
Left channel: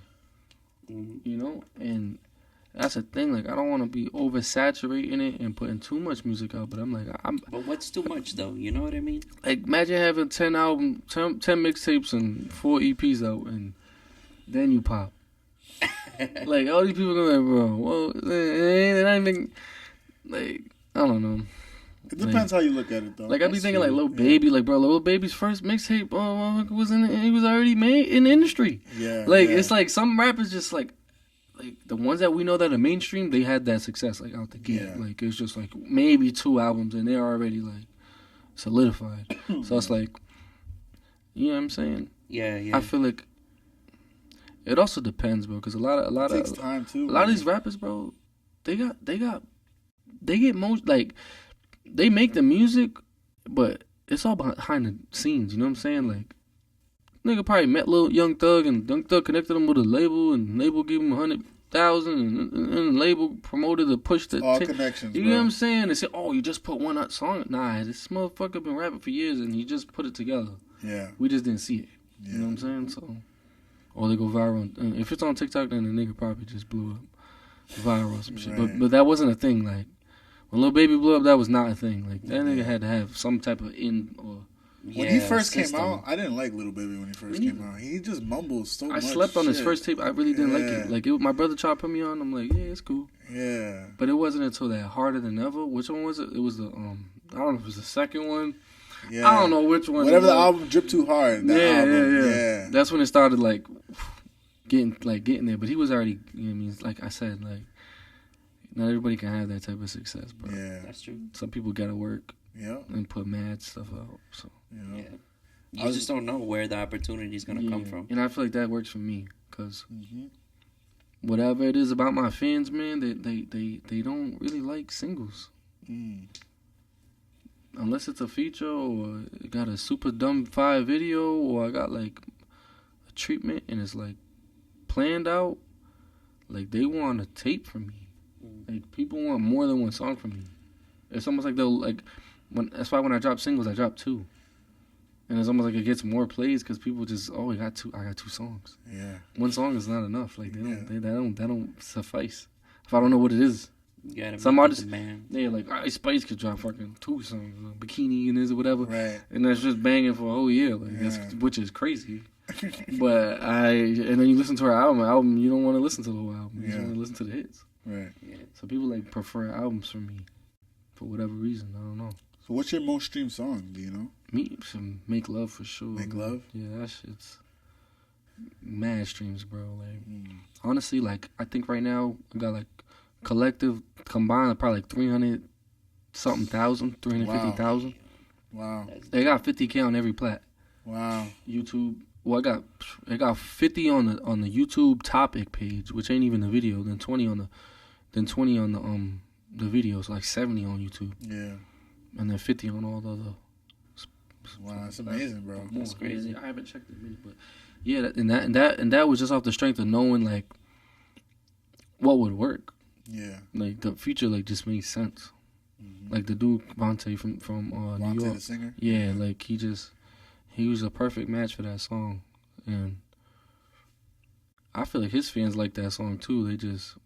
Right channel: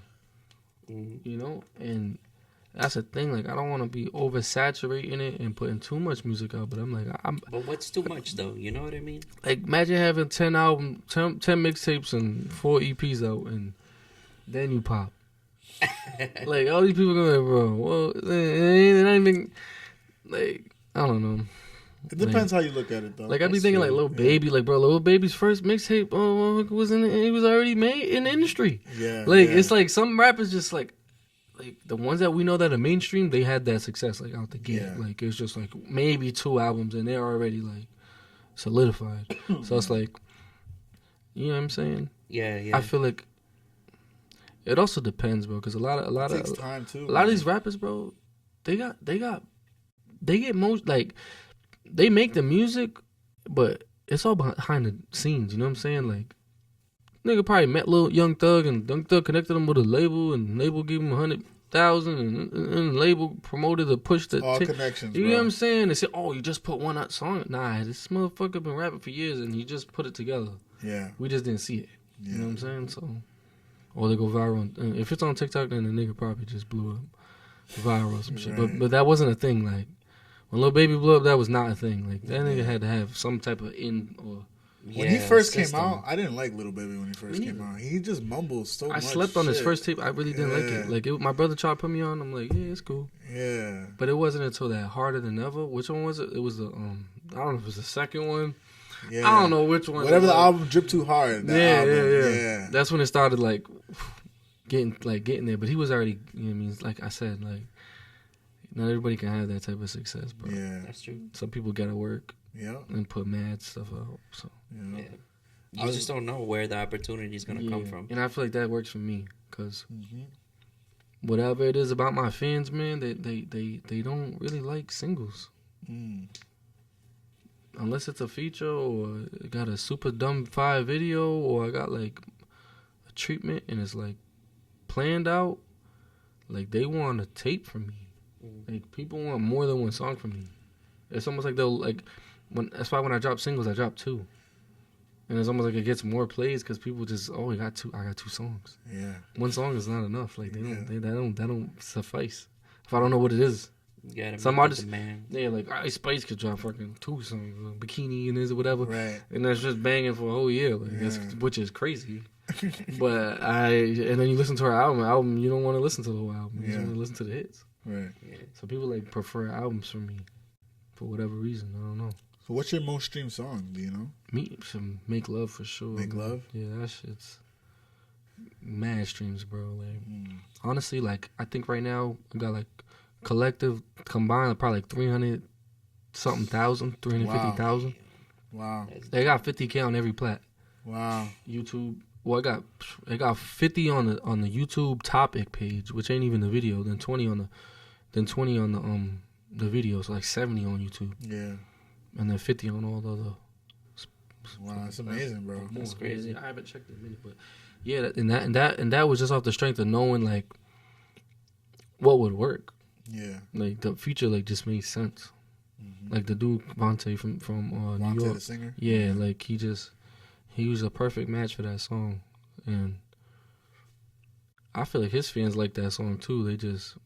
you know. And that's the thing. Like I don't want to be oversaturating it and putting too much music out. But I'm like, But what's too much though? You know what I mean? Like imagine having 10 mixtapes and 4 EPs out, and then you pop. Like all these people gonna be like, bro, well, they're not even like, I don't know. It depends how you look at it though. Like I be thinking like Lil Baby, like bro, Lil Baby's first mixtape, he was already made in the industry. Yeah. Like it's like some rappers just like like the ones that we know that are mainstream, they had that success like out the gate. Yeah. Like it's just like maybe 2 albums and they're already like solidified. So it's like, you know what I'm saying? Yeah, yeah. I feel like it also depends, bro, because a lot It takes of time too. a lot of these rappers, bro, they get most like they make the music, but it's all behind the scenes. You know what I'm saying? Like, nigga probably met Lil Young Thug, and Young Thug connected him with a label, and label gave him 100,000, and the label promoted the push the all connections. You bro. know what I'm saying? They said, "Oh, you just put one song." Nah, this motherfucker been rapping for years, and he just put it together. Yeah. We just didn't see it. Yeah. You know what I'm saying? So, or they go viral. And if it's on TikTok, then the nigga probably just blew up viral or some shit. Right. But that wasn't a thing. Like when Lil Baby blew up, that was not a thing. Like that nigga had to have some type of or. When he first system. came out, I didn't like Lil Baby when he first came out. He just mumbles so much. I slept on his shit. first tape. I really didn't like it. Like my brother tried to put me on. I'm like, yeah, it's cool. Yeah. But it wasn't until that Harder Than Ever. Which one was it? It was the I don't know if it was the second one. Yeah. I don't know which one. Whatever it the was. album Drip Too Hard. Yeah. That's when it started like getting there. But he was already. You know what I mean? Like I said, like not everybody can have that type of success, bro. Yeah. That's true. Some people gotta work Yeah. and put mad stuff out. So Yeah. Yeah. You just don't know where the opportunity is gonna come from. And I feel like that works for me because Mm-hmm. whatever it is about my fans, man, they don't really like singles. Mm. Unless it's a feature or it got a super dumb 5 video or I got like a treatment and it's like planned out, like they want a tape from me. Like people want more than one song from me. It's almost like they'll like that's why when I drop singles, I drop 2. And it's almost like it gets more plays because people just I got 2 songs. Yeah. One song is not enough. Like that don't suffice. If I don't know what it is. You gotta Some meet the artists, demand. yeah, like Ice Spice could drop fucking 2 songs, Bikini and this or whatever, Right. and that's just banging for a whole year, like which is crazy. But and then you listen to her album, you don't want to listen to the whole album. You just want to listen to the hits. Right. Yeah. So people like prefer albums from me for whatever reason. I don't know. So what's your most streamed song? Do you know? Me some Make Love for sure. Make man. Love? Yeah, that shit's mad streams, bro. Like honestly, like I think right now I got like collective combined probably like 300,000, 350,000. Wow. They got 50K on every plat. Wow. YouTube. Well, I got 50 on the YouTube topic page, which ain't even the video. Then 20 on the video. So like 70 on YouTube, Yeah. and then 50 on all the other. Wow, that's amazing, bro. That's crazy. Yeah, I haven't checked in a minute, but yeah, and that was just off the strength of knowing like what would work. Yeah. Like the feature like just made sense. Like the dude Vontae from New Vontae York. the singer? Yeah, like he was a perfect match for that song, and I feel like his fans like that song too. They just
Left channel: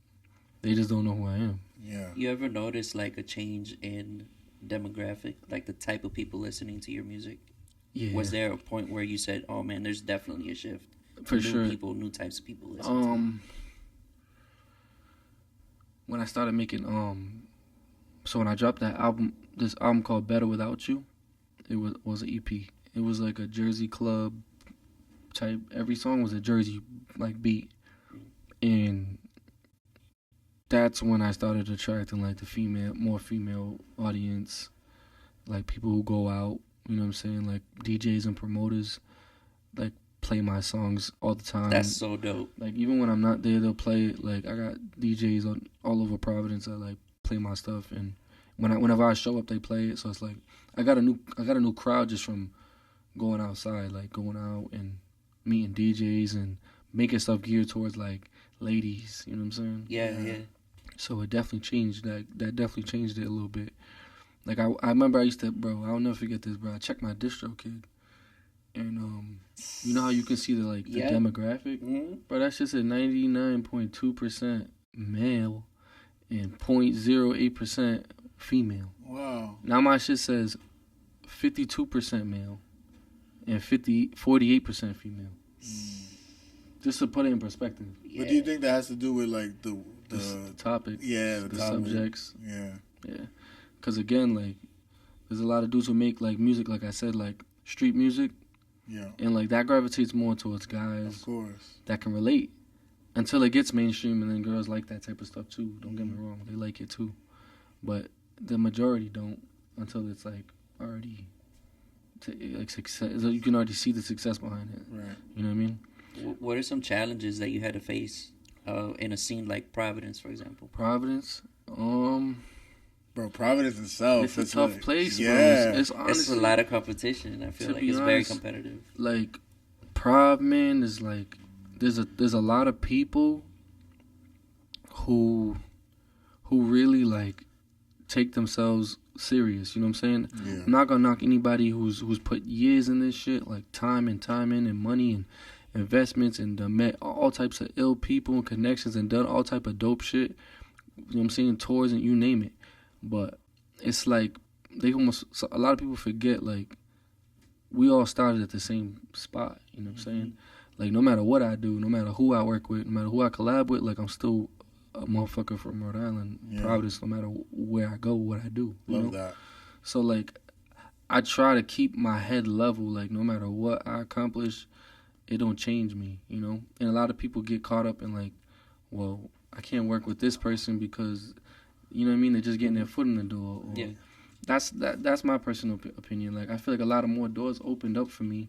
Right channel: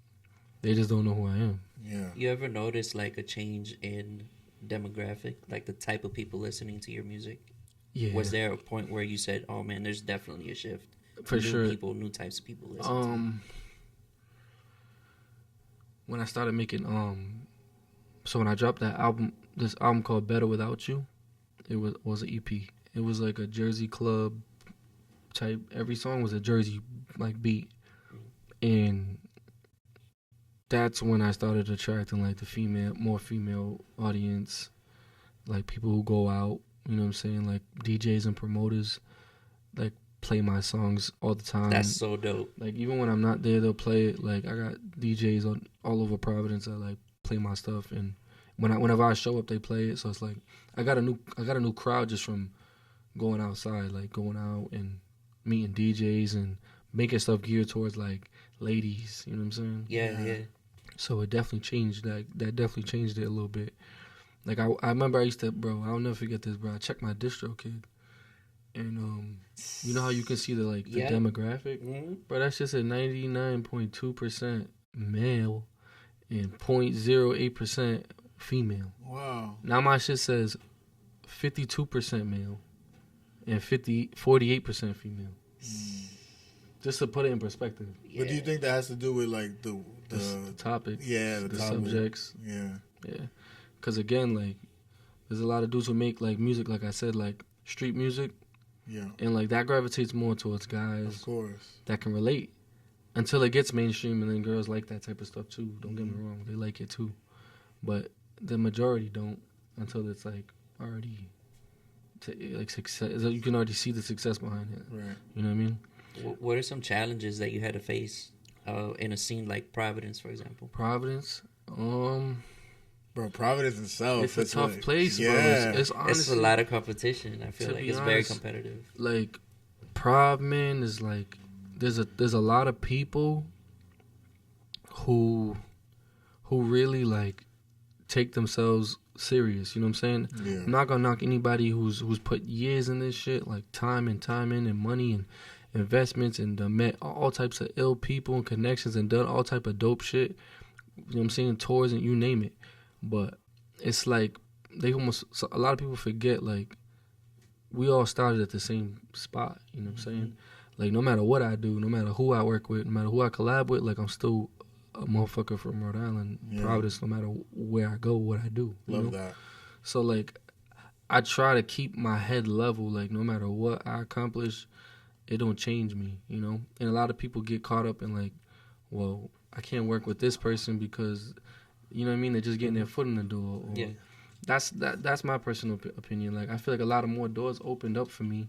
don't know who I am. Yeah. You ever notice like a change in demographic, like the type of people listening to your music? Yeah. Was there a point where you said, "Oh man, there's definitely a shift"? For new sure. people, new types of people listen. When I started making so when I dropped this album called Better Without You, it was an EP. It was like a Jersey club type. Every song was a Jersey like beat, and that's when I started attracting like the more female audience, like people who go out. You know what I'm saying? Like DJs and promoters, like play my songs all the time. That's so dope. Like even when I'm not there, they'll play it. Like I got DJs all over Providence that like play my stuff, and whenever I show up, they play it. So it's like I got a new crowd just from going outside, like going out and meeting DJs and making stuff geared towards like ladies. You know what I'm saying? Yeah. So it definitely changed. That definitely changed it a little bit. Like I remember I used to, bro. I'll never forget this, bro. I checked my DistroKid. And you know how you can see the demographic, bro. That shit said 99.2% male and 0.08% female. Wow. Now my shit says 52% male and 48% female. Just to put it in perspective. But do you think that has to do with like the topic? Yeah, the topic. Subjects. Yeah. Because again, like there's a lot of dudes who make like music, like I said, like street music. Yeah. And like that gravitates more towards guys Of course. that can relate. until it gets mainstream, and then girls like that type of stuff too. Don't get me wrong, they like it too, but the majority don't until it's like already like success. You can already see the success behind it. Right. You know what I mean? What are some challenges that you had to face in a scene like Providence, for example? Providence, Bro, Providence itself. it's a tough place, yeah. bro. It's honestly It's a lot of competition. I feel to like be it's very honest, competitive. like Prov, man, is like there's a lot of people who really like take themselves serious. You know what I'm saying? Yeah. I'm not gonna knock anybody who's put years in this shit, like time in and money and investments and met all types of ill people and connections and done all type of dope shit. You know what I'm saying? Tours and you name it. But it's like a lot of people forget, like, we all started at the same spot. You know what I'm saying? Like, no matter what I do, no matter who I work with, no matter who I collab with, like, I'm still a motherfucker from Rhode Island, Providence, no matter where I go, what I do. Love that. So, like, I try to keep my head level. Like, no matter what I accomplish, it don't change me, you know? And a lot of people get caught up in, like, well, I can't work with this person because, you know what I mean? They're just getting their foot in the door. Or, That's my personal opinion. Like, I feel like a lot of more doors opened up for me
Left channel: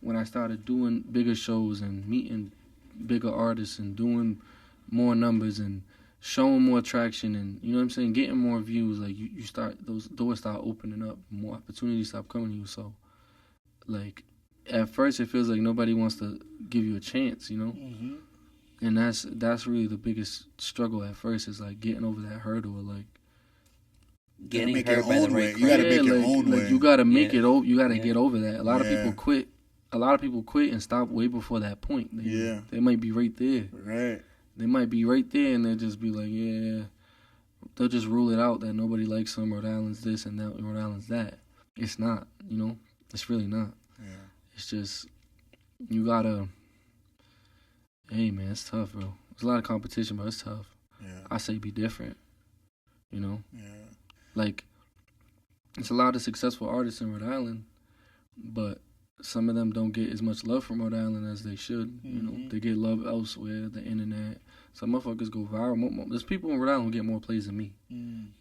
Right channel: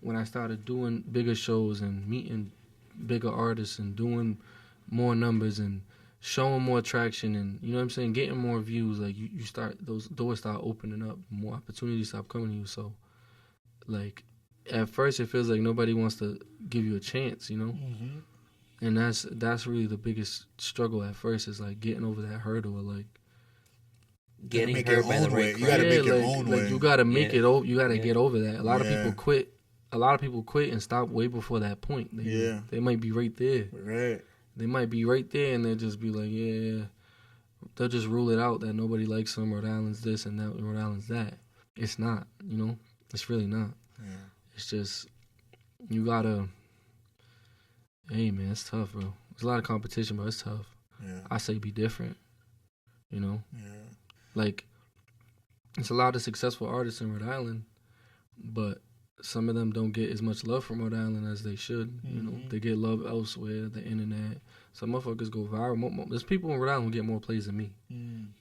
when I started doing bigger shows and meeting bigger artists and doing more numbers and showing more traction and, you know what I'm saying, getting more views. Like, you start, those doors start opening up, more opportunities start coming to you. So, like, at first it feels like nobody wants to give you a chance, you know? Mm-hmm. And that's really the biggest struggle at first, is like getting over that hurdle of like Getting make hurt your by the own way. right You gotta crowd. make your like, own way. you gotta make Yeah. it over. You gotta Yeah. get over that. A lot of Yeah. people quit. A lot of people quit and stop way before that point. They might be right there. Right. They might be right there, and they'll just be like, yeah. They'll just rule it out that nobody likes them. Rhode Island's this and that. Rhode Island's that. It's not. You know, it's really not. Yeah. It's just you gotta. Hey man, it's tough, bro. There's a lot of competition, but it's tough. Yeah. I say be different. You know, Yeah. like it's a lot of successful artists in Rhode Island, but some of them don't get as much love from Rhode Island as they should. You know, they get love elsewhere, the internet. Some motherfuckers go viral. There's people in Rhode Island who get more plays than me.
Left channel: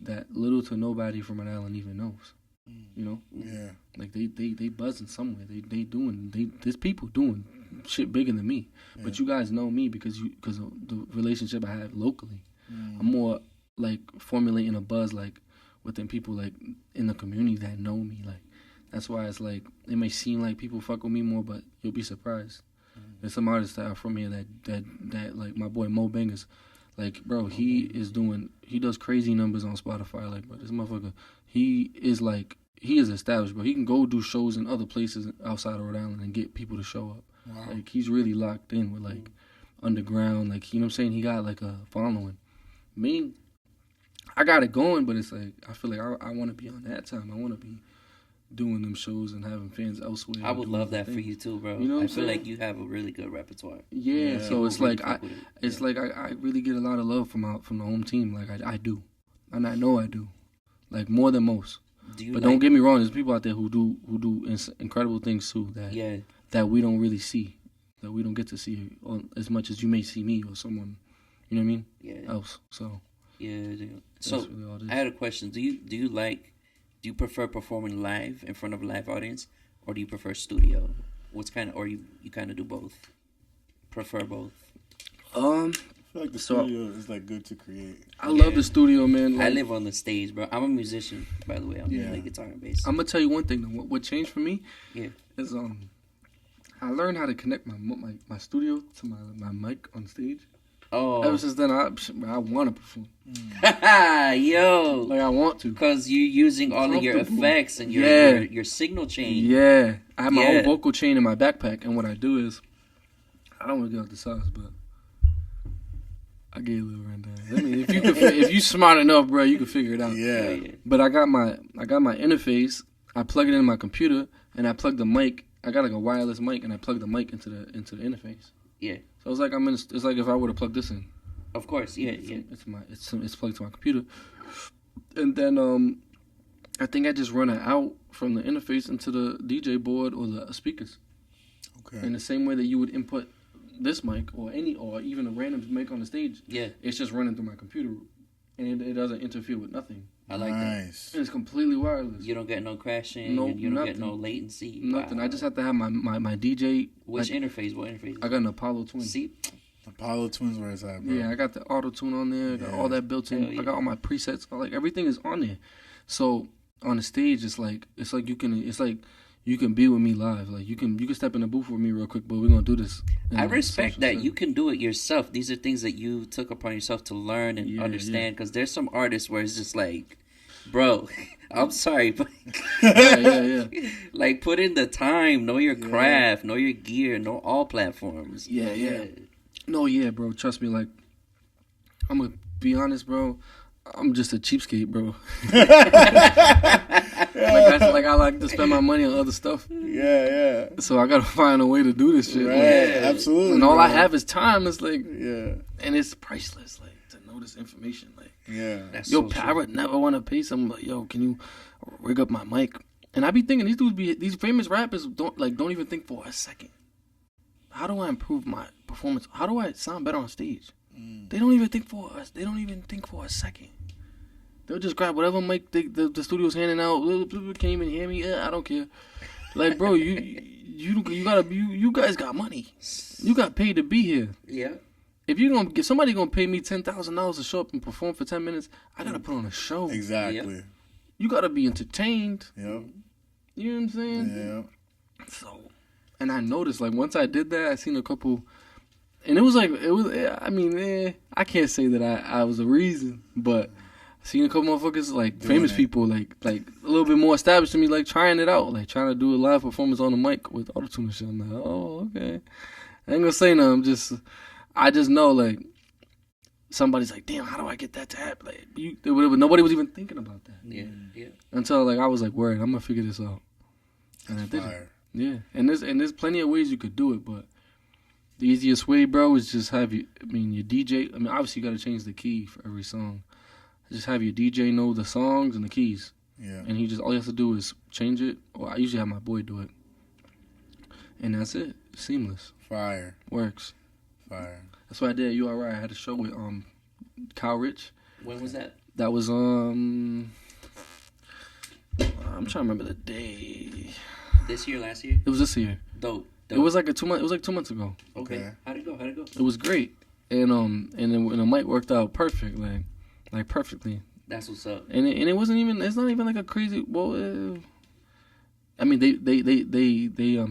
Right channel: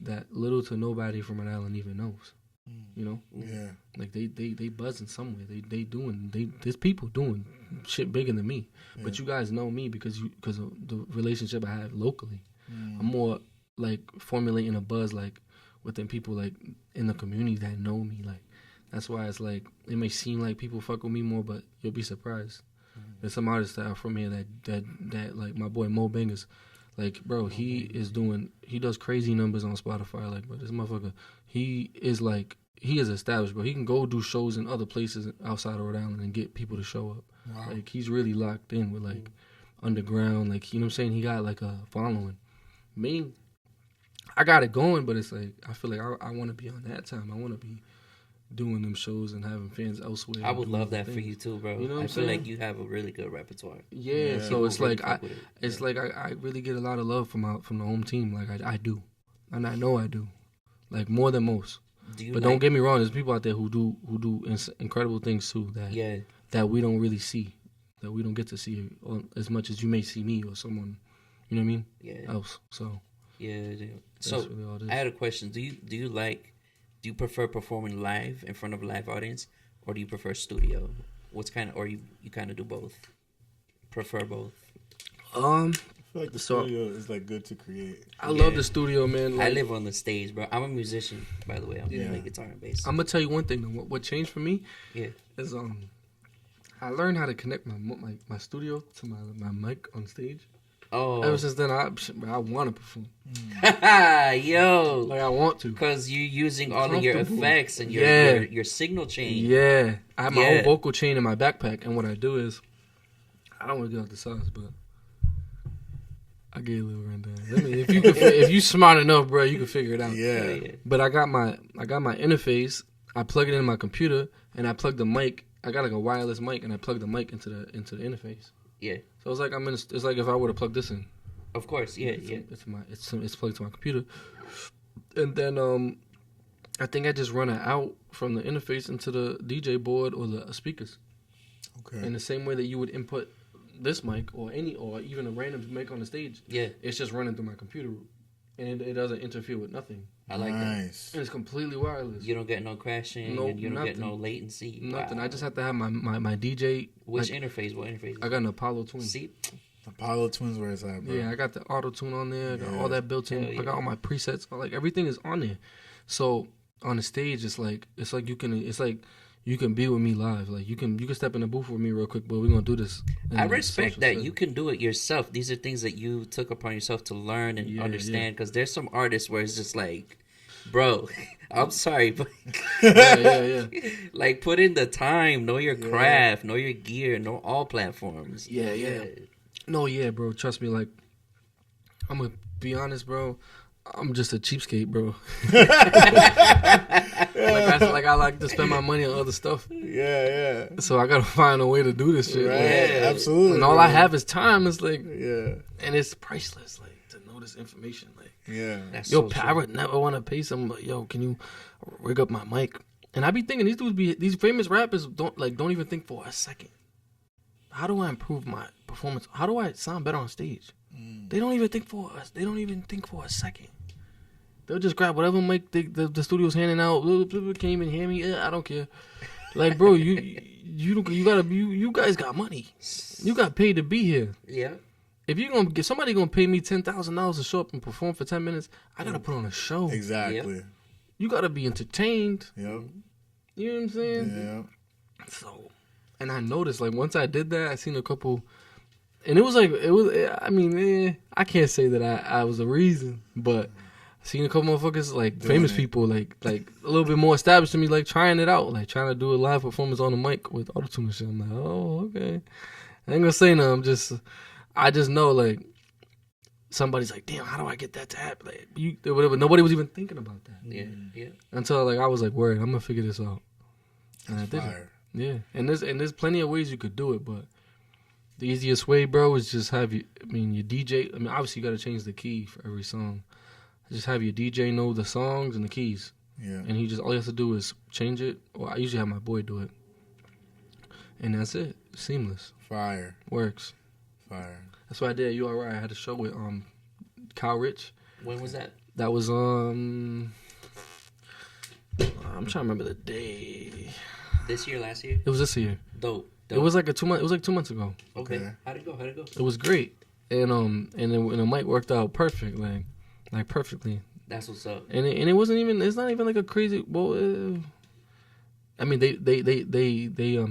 That little to nobody from Rhode Island even knows. You know, Yeah. like they buzzing somewhere. There's people doing shit bigger than me. But you guys know me because of the relationship I have locally. I'm more like formulating a buzz like within people like in the community that know me. Like that's why it's like it may seem like people fuck with me more, but you'll be surprised. There's some artists that are from here that like my boy Mo Bangers. Like, bro, he does crazy numbers on Spotify. Like, bro, this motherfucker, he is established, bro. He can go do shows in other places outside of Rhode Island and get people to show up. Wow. Like, he's really locked in with, like, underground. Like, you know what I'm saying? He got, like, a following. Me, I got it going, but it's like, I feel like I want to be on that time. I want to be doing them shows and having fans elsewhere. I would love that for you too, bro. You know what I'm I feel saying? like you have a really good repertoire. Yeah, so People it's really like fuck with it. it's like I really get a lot of love from the home team. Like I do, and I know I do, like more than most. But don't get me wrong, there's people out there who do incredible things too that we don't really see, that we don't get to see as much as you may see me or someone, you know what I mean? Yeah. Else. So Yeah. that's So really all it is. I had a question. Do you prefer performing live in front of a live audience, or do you prefer studio? Or you kind of do both? Prefer both? I feel like the So- studio is like good to create. I love the studio, man. I Like, live on the stage, bro. I'm a musician, by the way. I'm Yeah. play guitar and bass. I'm gonna tell you one thing though. What changed for me Yeah. is I learned how to connect my studio to my mic on stage. Oh. Ever since then, I want to perform. Yo. Like I want to. Because you're using all of your Comfortable. effects and your, Yeah. your signal chain. Yeah, I have my Yeah. whole vocal chain in my backpack, and what I do is, I don't want to get out the sauce, but I get a little rundown. I mean, if you smart enough, bro, you can figure it out. Yeah. Yeah. But I got my interface. I plug it in my computer, and I plug the mic. I got like a wireless mic, and I plug the mic into the interface. Yeah. So it's like it's like if I were to plug this in. Of course. Yeah. Yeah. It's plugged to my computer, and then I think I just run it out from the interface into the DJ board or the speakers. Okay. In the same way that you would input this mic or even a random mic on the stage. Yeah. It's just running through my computer, and it doesn't interfere with nothing. I like that. Nice. And it's completely wireless. You don't get no crashing. Nope, and you don't get nothing. no latency. Nothing. Wow. I just have to have my DJ. Which interface? What interface? I got an Apollo Twin. See? Apollo Twins, where it's at, bro. Yeah, I got the auto tune on there. I got all that built in. Hell yeah. I got all my presets. Like everything is on there. So on the stage, it's like you can be with me live. Like you can step in the booth with me real quick, but we're gonna do this. I respect that you can do it yourself. These are things that you took upon yourself to learn and understand. Because there's some artists where it's just like, bro, I'm sorry, but yeah. like put in the time, know your craft, know your gear, know all platforms. Yeah. No, yeah, bro. Trust me. Like, I'm gonna be honest, bro. I'm just a cheapskate, bro. I like to spend my money on other stuff. Yeah. So I gotta find a way to do this shit. Right. Like, Absolutely. and all bro. I have is time. It's like, Yeah. and it's priceless. Like to know this information. Like, Yeah. That's yo, so I would never want to pay someone. Like, yo, can you rig up my mic? And I be thinking these famous rappers don't even think for a second. How do I improve my performance? How do I sound better on stage? They don't even think for us. They don't even think for a second. They'll just grab whatever mic the studio's handing out. Can't even hear me. I don't care. Like, bro, you guys got money. You got paid to be here. Yeah. If somebody gonna pay me $10,000 to show up and perform for 10 minutes, I gotta put on a show. Exactly. You gotta be entertained. Yep. You know what I'm saying? Yeah. So, and I noticed, like, once I did that, I seen a couple, and I can't say that I was a reason, but I seen a couple motherfuckers, like, famous people, like a little bit more established to me, like, trying it out, like, trying to do a live performance on the mic with autotune and shit. I'm like, oh, okay. I ain't gonna say nothing, I just know, like, somebody's like, damn, how do I get that to happen? Like, nobody was even thinking about that. Yeah. Until, like, I was like, word, I'm gonna figure this out. And I did it. Yeah, and there's plenty of ways you could do it, but the easiest way, bro, is just have your DJ. I mean, obviously you got to change the key for every song. Just have your DJ know the songs and the keys. Yeah. And all he has to do is change it. Or I usually have my boy do it, and that's it. Seamless. Fire. Works. Fire. That's what I did. You alright? I had a show with Kyle Rich. When was that? That was I'm trying to remember the day. This year, last year? It was this year. Dope. It was like 2 months. It was like 2 months ago. Okay. How'd it go? It was great, and the mic worked out perfect, like perfectly. That's what's up. And it wasn't even. It's not even like a crazy. Well, I mean they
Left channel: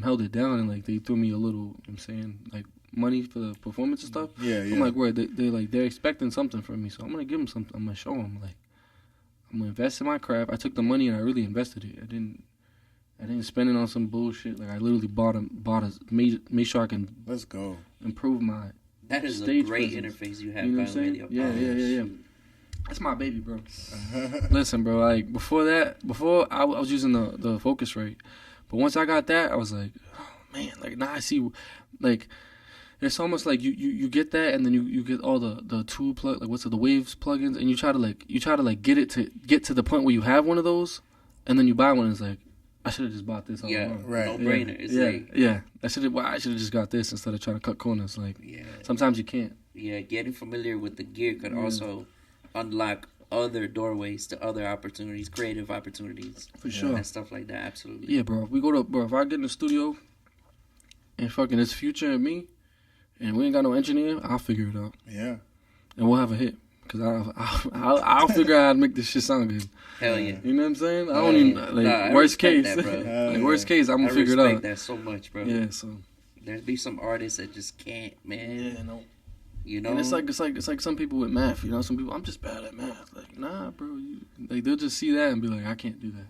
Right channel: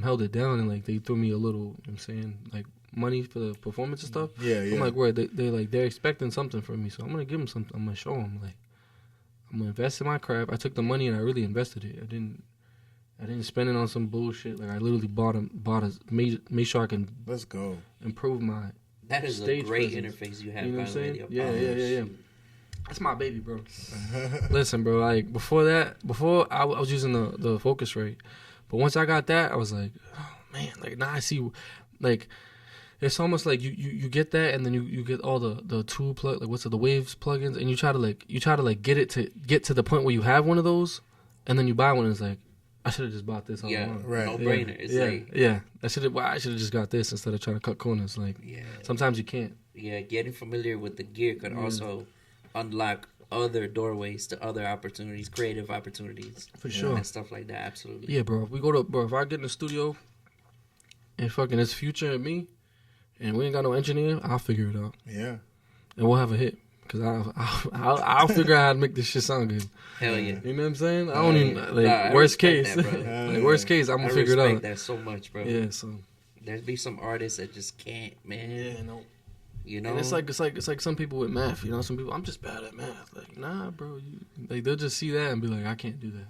held it down and like they threw me a little. You know what I'm saying, like, money for the performance and stuff. Yeah. I'm like, where they're expecting something from me, so I'm gonna give them something. I'm gonna show them, like, I'm gonna invest in my craft. I took the money and I really invested it. I didn't spend it on some bullshit. Like, I literally made sure I can Let's go. improve my That is a stage great presence. interface you have, You know by what I'm the way. saying? Yeah. That's my baby, bro. Listen, bro, like, before I was using the Focusrite. But once I got that, I was like, oh, man, like, now I see, like, it's almost like you get that, and then you get all the tool plug, like, the Waves plugins, and you try to get to the point where you have one of those, and then you buy one, and it's like, I should have just bought this all along. Right. No brainer. It's like, I should have just got this instead of trying to cut corners. Like, sometimes you can't. Yeah, getting familiar with the gear could also unlock other doorways to other opportunities, creative opportunities. For sure. And stuff like that, absolutely. Yeah, bro. If I get in the studio and fucking it's Future and me, and we ain't got no engineer, I'll figure it out. Yeah. And we'll have a hit. Because I'll figure out how to make this shit sound good. Hell yeah. You know what I'm saying? I don't even, like, I worst respect case. that, bro. Like, worst case, I'm going I to figure it respect out. that so much, bro. Yeah, so. There's be some artists that just can't, man. Yeah, no. You know? And it's like some people with math, you know? Some people, I'm just bad at math. Like, nah, bro. They'll just see that and be like, I can't do that.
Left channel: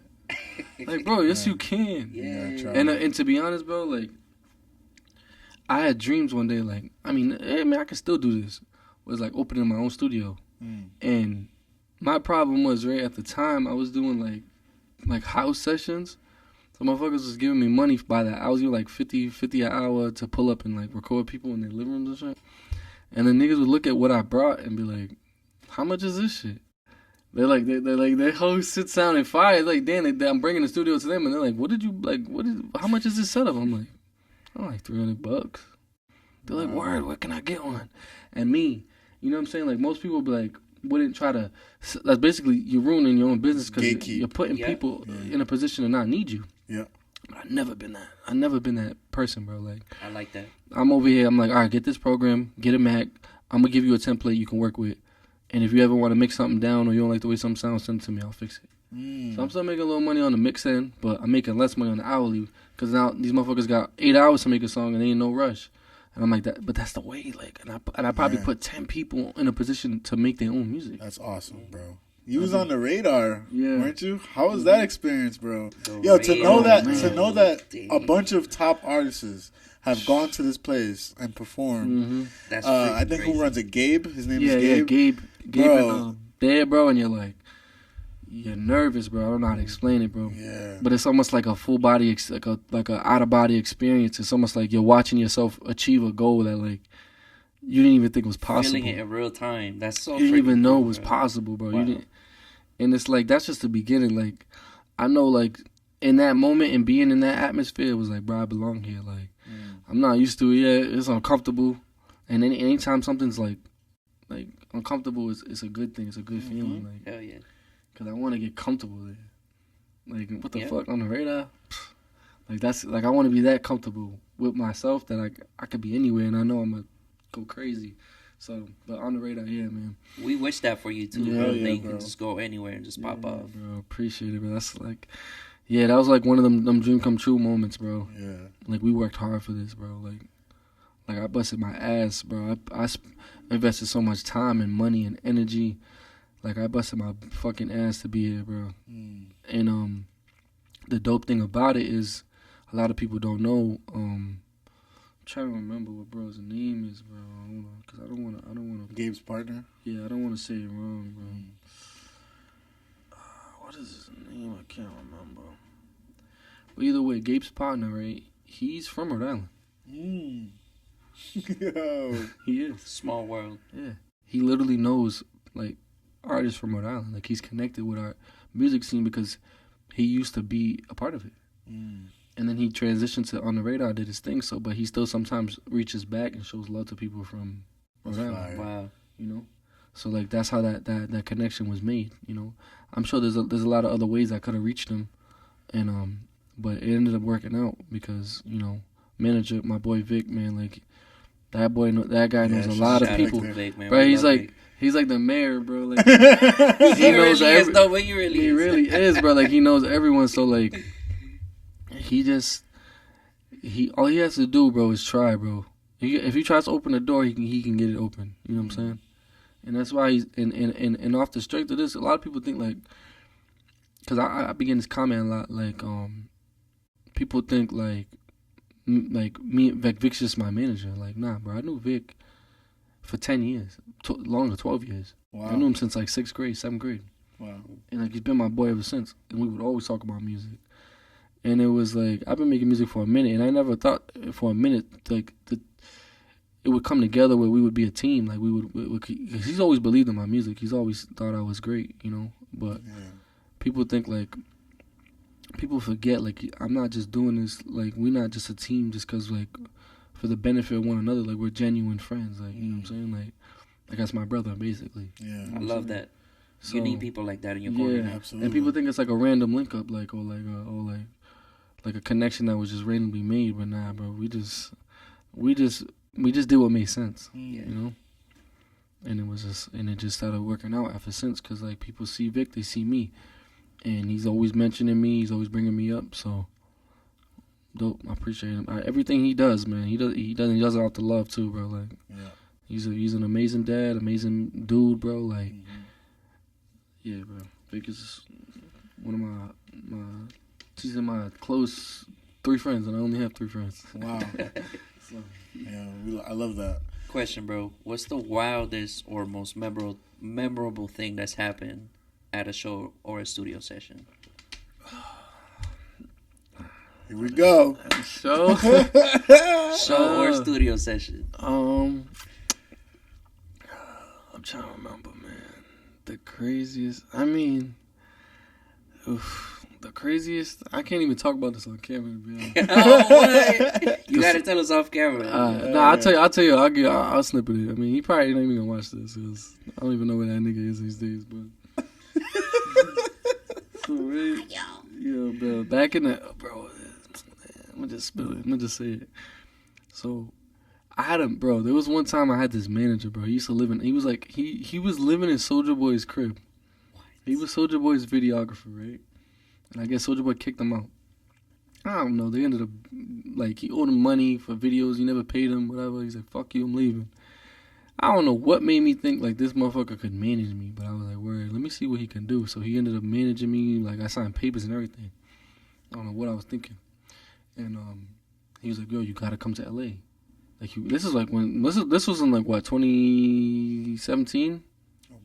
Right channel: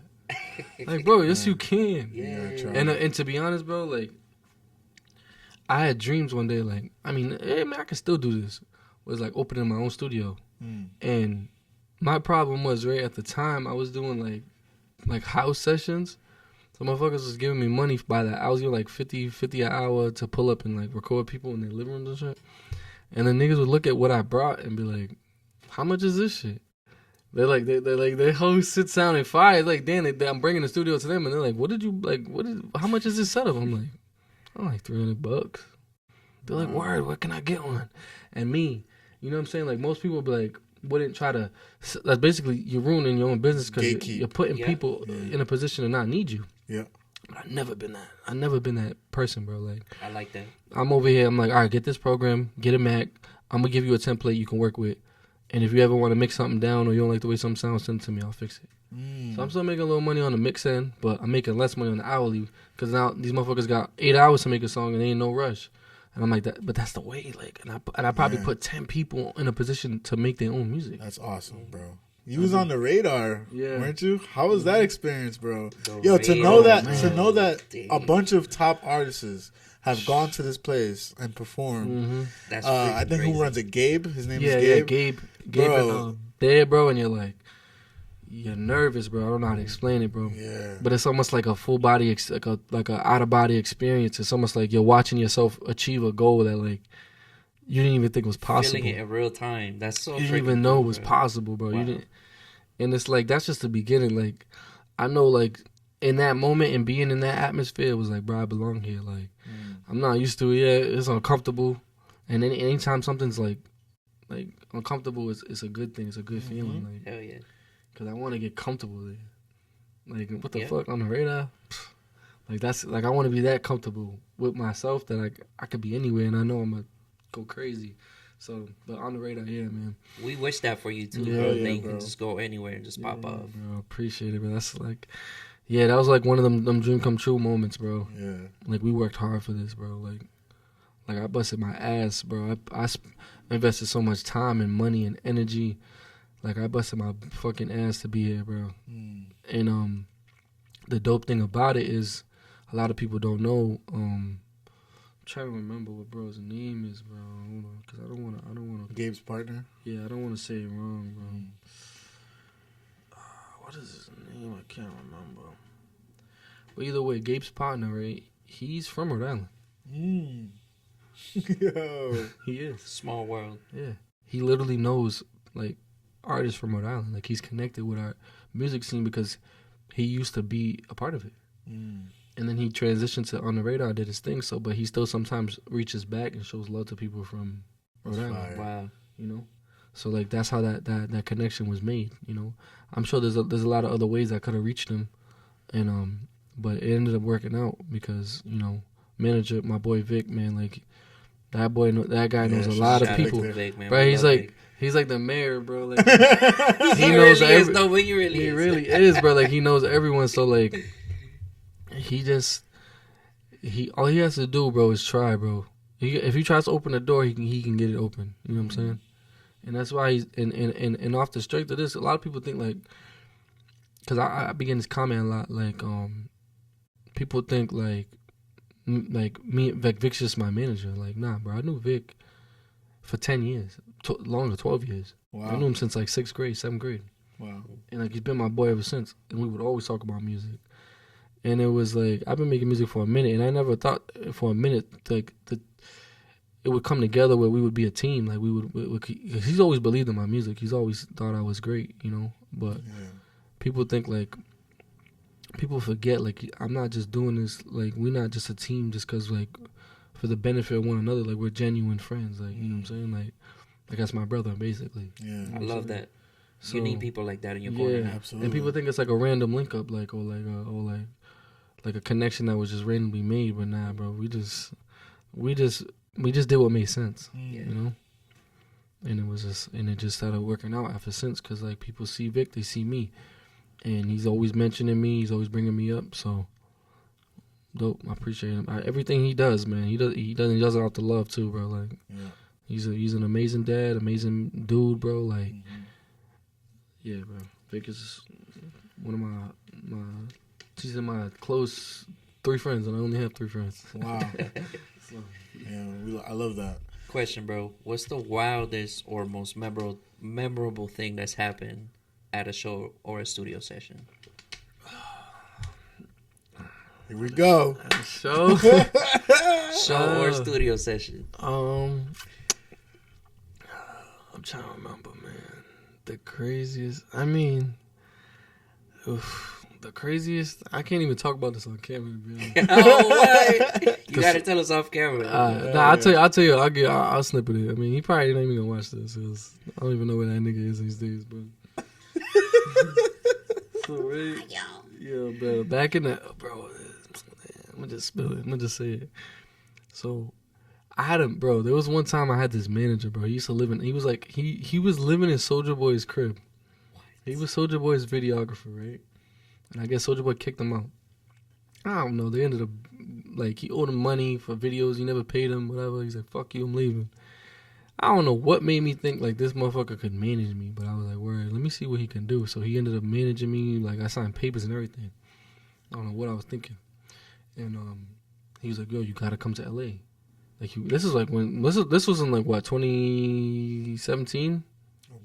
Like, bro, yes, you can. Yeah. And to be honest, bro, like, I had dreams one day, like, I can still do this. Was like opening my own studio. And my problem was, right, at the time I was doing like house sessions. So motherfuckers was giving me money by that. I was getting like 50 an hour to pull up and like record people in their living rooms and shit. And then niggas would look at what I brought and be like, how much is this shit? They're like, their whole shit sounded fire. Like, damn, I'm bringing the studio to them, and they're like, how much is this setup? I'm like, oh, like $300. They're like, word, where can I get one? And me, you know what I'm saying? Like, most people be like, wouldn't try to. That's basically you're ruining your own business because you're putting people in a position to not need you. Yeah. But I've never been that. I've never been that person, bro. Like, I like that. I'm over here. I'm like, all right, get this program, get a Mac. I'm gonna give you a template you can work with. And if you ever want to mix something down or you don't like the way something sounds, send it to me. I'll fix it. So I'm still making a little money on the mix end, but I'm making less money on the hourly because now these motherfuckers got 8 hours to make a song and they ain't no rush. And I'm like that, but that's the way. Like, and I probably put 10 people in a position to make their own music. That's awesome, bro. You was on the radar, weren't you? How was Mm-hmm. that experience, bro? The To know that Damn. a bunch of top artists have gone to this place and performed. Mm-hmm. That's I think crazy. who runs it? Gabe. His name is Yeah, Gabe. Gabe, Bro. there, bro, and you're like, you're nervous, bro. I don't know how to explain it, bro. Yeah. But it's almost like a full body, like a out of body experience. It's almost like you're watching yourself achieve a goal that like you didn't even think was possible. Feeling it in real time. That's so. You didn't even freaking know cool, it was bro. possible, bro. Wow. You didn't, and it's like that's just the beginning. Like I know, like in that moment and being in that atmosphere, it was like, bro, I belong here. Like I'm not used to it yet. It's uncomfortable, and anytime something's like uncomfortable, it's a good thing. It's a good feeling. Like, Hell yeah. cause I want to get comfortable there. Like what the Yeah. fuck on the radar? Like that's like I want to be that comfortable with myself that I could be anywhere, and I know I'm gonna go crazy. So, but on the radar, yeah, man. We wish that for you too, Yeah, bro. yeah, That you bro. can just go anywhere and just pop Yeah, off. bro. Appreciate it, bro. That's like, yeah, that was like one of them dream come true moments, bro. Yeah. Like we worked hard for this, bro. Like I busted my ass, bro. I invested so much time and money and energy. Like I busted my fucking ass to be here, bro. And the dope thing about it is a lot of people don't know. I'm trying to remember what bro's name is, bro. Hold on, cause I don't wanna. Gabe's partner. Yeah, I don't wanna say it wrong, bro. What is his name? I can't remember. But either way, Gabe's partner, right? He's from Rhode Island. Yo. He is. Small world. Yeah. He literally knows like artists from Rhode Island. Like he's connected with our music scene because he used to be a part of it. And then he transitioned to On the Radar, did his thing. So, but he still sometimes reaches back and shows love to people from Rhode Island. fire. Wow. You know, so like that's how that connection was made. You know, I'm sure there's a lot of other ways I could have reached him, and but it ended up working out because manager, my boy Vic, man, like that guy knows a lot of shout out people. Vic, Big, man. Bro, We he's love like Big. he's like the mayor, bro. Like He knows really is, though, but he really he is. really is, bro. Like he knows everyone. So like all he has to do, bro, is try, bro. If he tries to open the door, he can get it open. You know what I'm saying? And that's why he's and off the strength of this, a lot of people think like, because I begin this comment a lot, like people think like me, Vic's just my manager. Like, nah, bro, I knew Vic for 10 years, longer, 12 years. Wow. I knew him since like 6th grade, 7th grade. Wow. And like he's been my boy ever since. And we would always talk about music. And it was like, I've been making music for a minute, and I never thought for a minute like it would come together where we would be a team. Like we would he's always believed in my music. He's always thought I was great, But people think like, people forget like I'm not just doing this. Like we're not just a team just because like for the benefit of one another. Like we're genuine friends. Like you know what I'm saying. Like that's my brother basically. Yeah. I love that. So, You need people like that in your corner. yeah, now. Absolutely. and people think it's like a random link up, like or like a connection that was just randomly made. But nah, bro, we just did what made sense, And it just started working out ever since. Cause like people see Vic, they see me, and he's always mentioning me. He's always bringing me up. So dope. I appreciate him. Everything he does, man. He does it out the love too, bro. Like he's an amazing dad, amazing dude, bro. Like yeah, bro. Vic is one of my she's in my close 3 friends, and I only have 3 friends. Wow. So, Yeah, I love that. Question, bro. What's the wildest or most memorable thing that's happened at a show or a studio session? Here we go. show. Show or studio session? I'm trying to remember, man. The craziest. I mean, the craziest. I can't even talk about this on camera, to be honest. Oh, what? You gotta tell us off camera. Nah, I'll tell you. I'll snip it. I mean, he probably ain't even gonna watch this because I don't even know where that nigga is these days. But so right, yeah, bro. Back in the bro, I'm gonna just spill it. I'm gonna just say it. So I had him, bro. There was one time I had this manager, bro. He used to live in. He was like he was living in Soulja Boy's crib. He was Soulja Boy's videographer, right? And I guess Soulja Boy kicked him out. I don't know. They ended up, like, he owed him money for videos. He never paid him, whatever. He's like, fuck you, I'm leaving. I don't know what made me think, like, this motherfucker could manage me. But I was like, word, let me see what he can do. So he ended up managing me. Like, I signed papers and everything. I don't know what I was thinking. And he was like, yo, you got to come to L.A. Like, this is like when, this was in, like, what, 2017?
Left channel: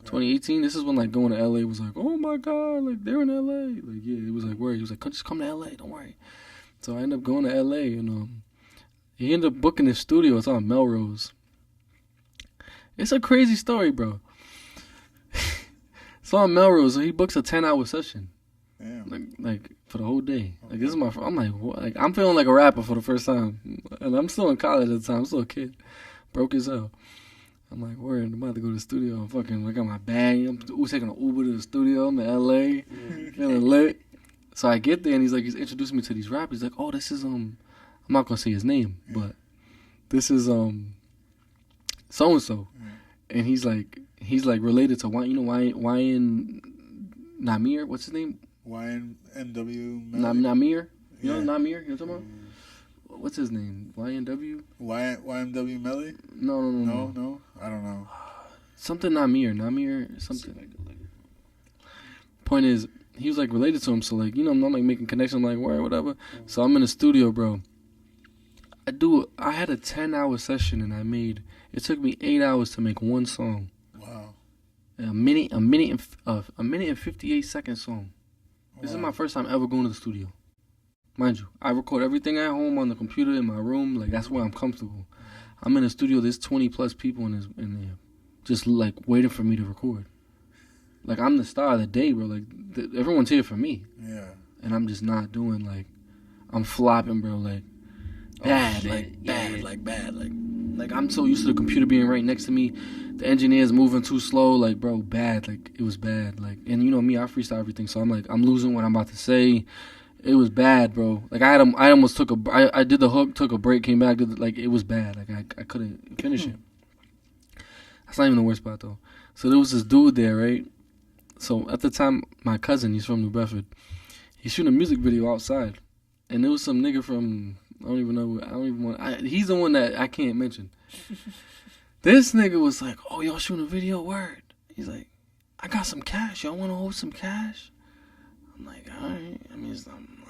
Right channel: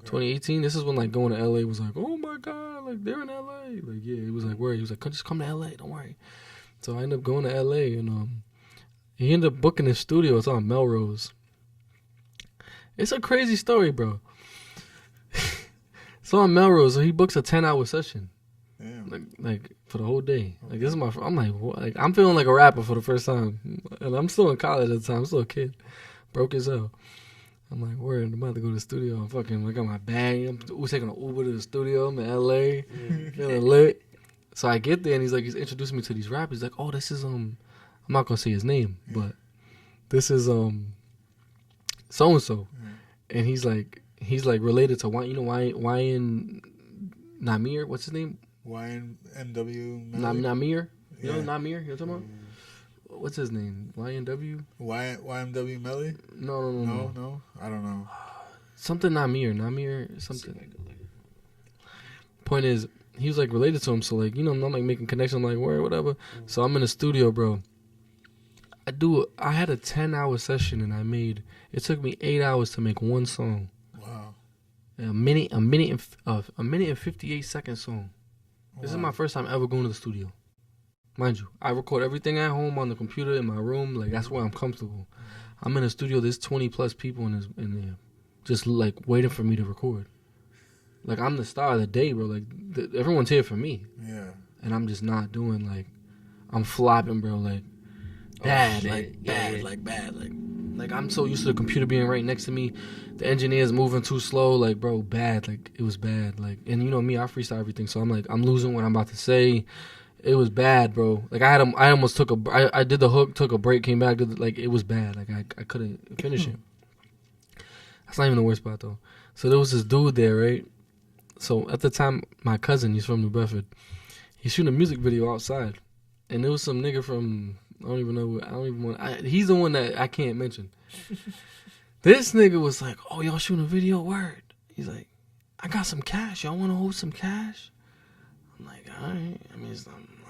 2018, this is when, like, going to L.A. was like, oh, my God, like, they're in L.A. Like, yeah, it was like, word. He was like, just come to L.A., don't worry. So I ended up going to L.A., and he ended up booking his studio. It's on Melrose. It's a crazy story, bro. It's on Melrose, so he books a 10-hour session. Damn. Like, for the whole day. Like, this is my, I'm like, what? Like, I'm feeling like a rapper for the first time. And I'm still in college at the time. I'm still a kid. Broke as hell. I'm like, word, I'm about to go to the studio. I'm fucking, I got my bag. I'm taking an Uber to the studio. I'm in L.A. Feeling lit. So I get there, and he's introducing me to these rappers. He's like, oh, this is, I'm not going to say his name, but this is, so-and-so. And he's like related to, Wyan Namir, what's his name? YNW Namir? You know Namir? You know what I'm talking about? What's his name? YNW? YMW Melly? No. I don't know. Something Namir, something. Point is, he was like related to him, so like, I'm not like making connections, like, where, whatever. So I'm in the studio, bro. I had a 10-hour session, and it took me 8 hours to make one song. Wow. A minute and 58 second song. This is my first time ever going to the studio. Mind you, I record everything at home on the computer in my room. Like, that's where I'm comfortable. I'm in the studio. There's 20 plus people in there, just like waiting for me to record. Like, I'm the star of the day, bro. Like, everyone's here for me. Yeah. And I'm just not doing, like, I'm flopping, bro. Like, bad, like I'm so used to the computer being right next to me. The engineer's moving too slow. Like, bro, bad. Like, it was bad. Like, and you know me, I freestyle everything. So I'm like, I'm losing what I'm about to say. It was bad, bro. Like, I almost took I did the hook, took a break, came back. Like, it was bad. Like, I couldn't finish it. That's not even the worst part, though. So there was this dude there, right? So at the time, my cousin, he's from New Bedford. He's shooting a music video outside. And there was some nigga from, he's the one that I can't mention. This nigga was like, oh, y'all shooting a video? Word. He's like, I got some cash. Y'all want to hold some cash? I'm like, all right. I mean,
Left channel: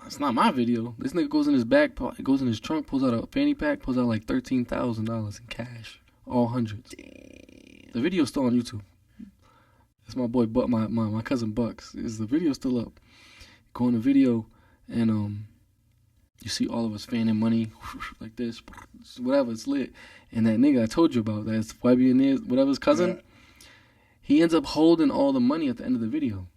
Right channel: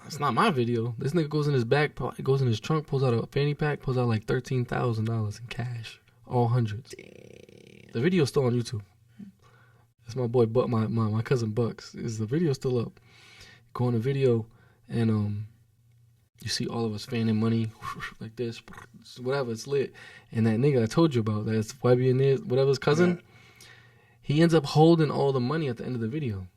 it's not my video. This nigga goes in his back, goes in his trunk, pulls out a fanny pack, pulls out like $13,000 in cash. All hundreds. Damn. The video's still on YouTube. That's my boy, my cousin Bucks. Is the video still up? Go on the video, and you see all of us fanning money like this, whatever. It's lit. And that nigga I told you about, that's YB and his, whatever his cousin, he ends up holding all the money at the end of the video.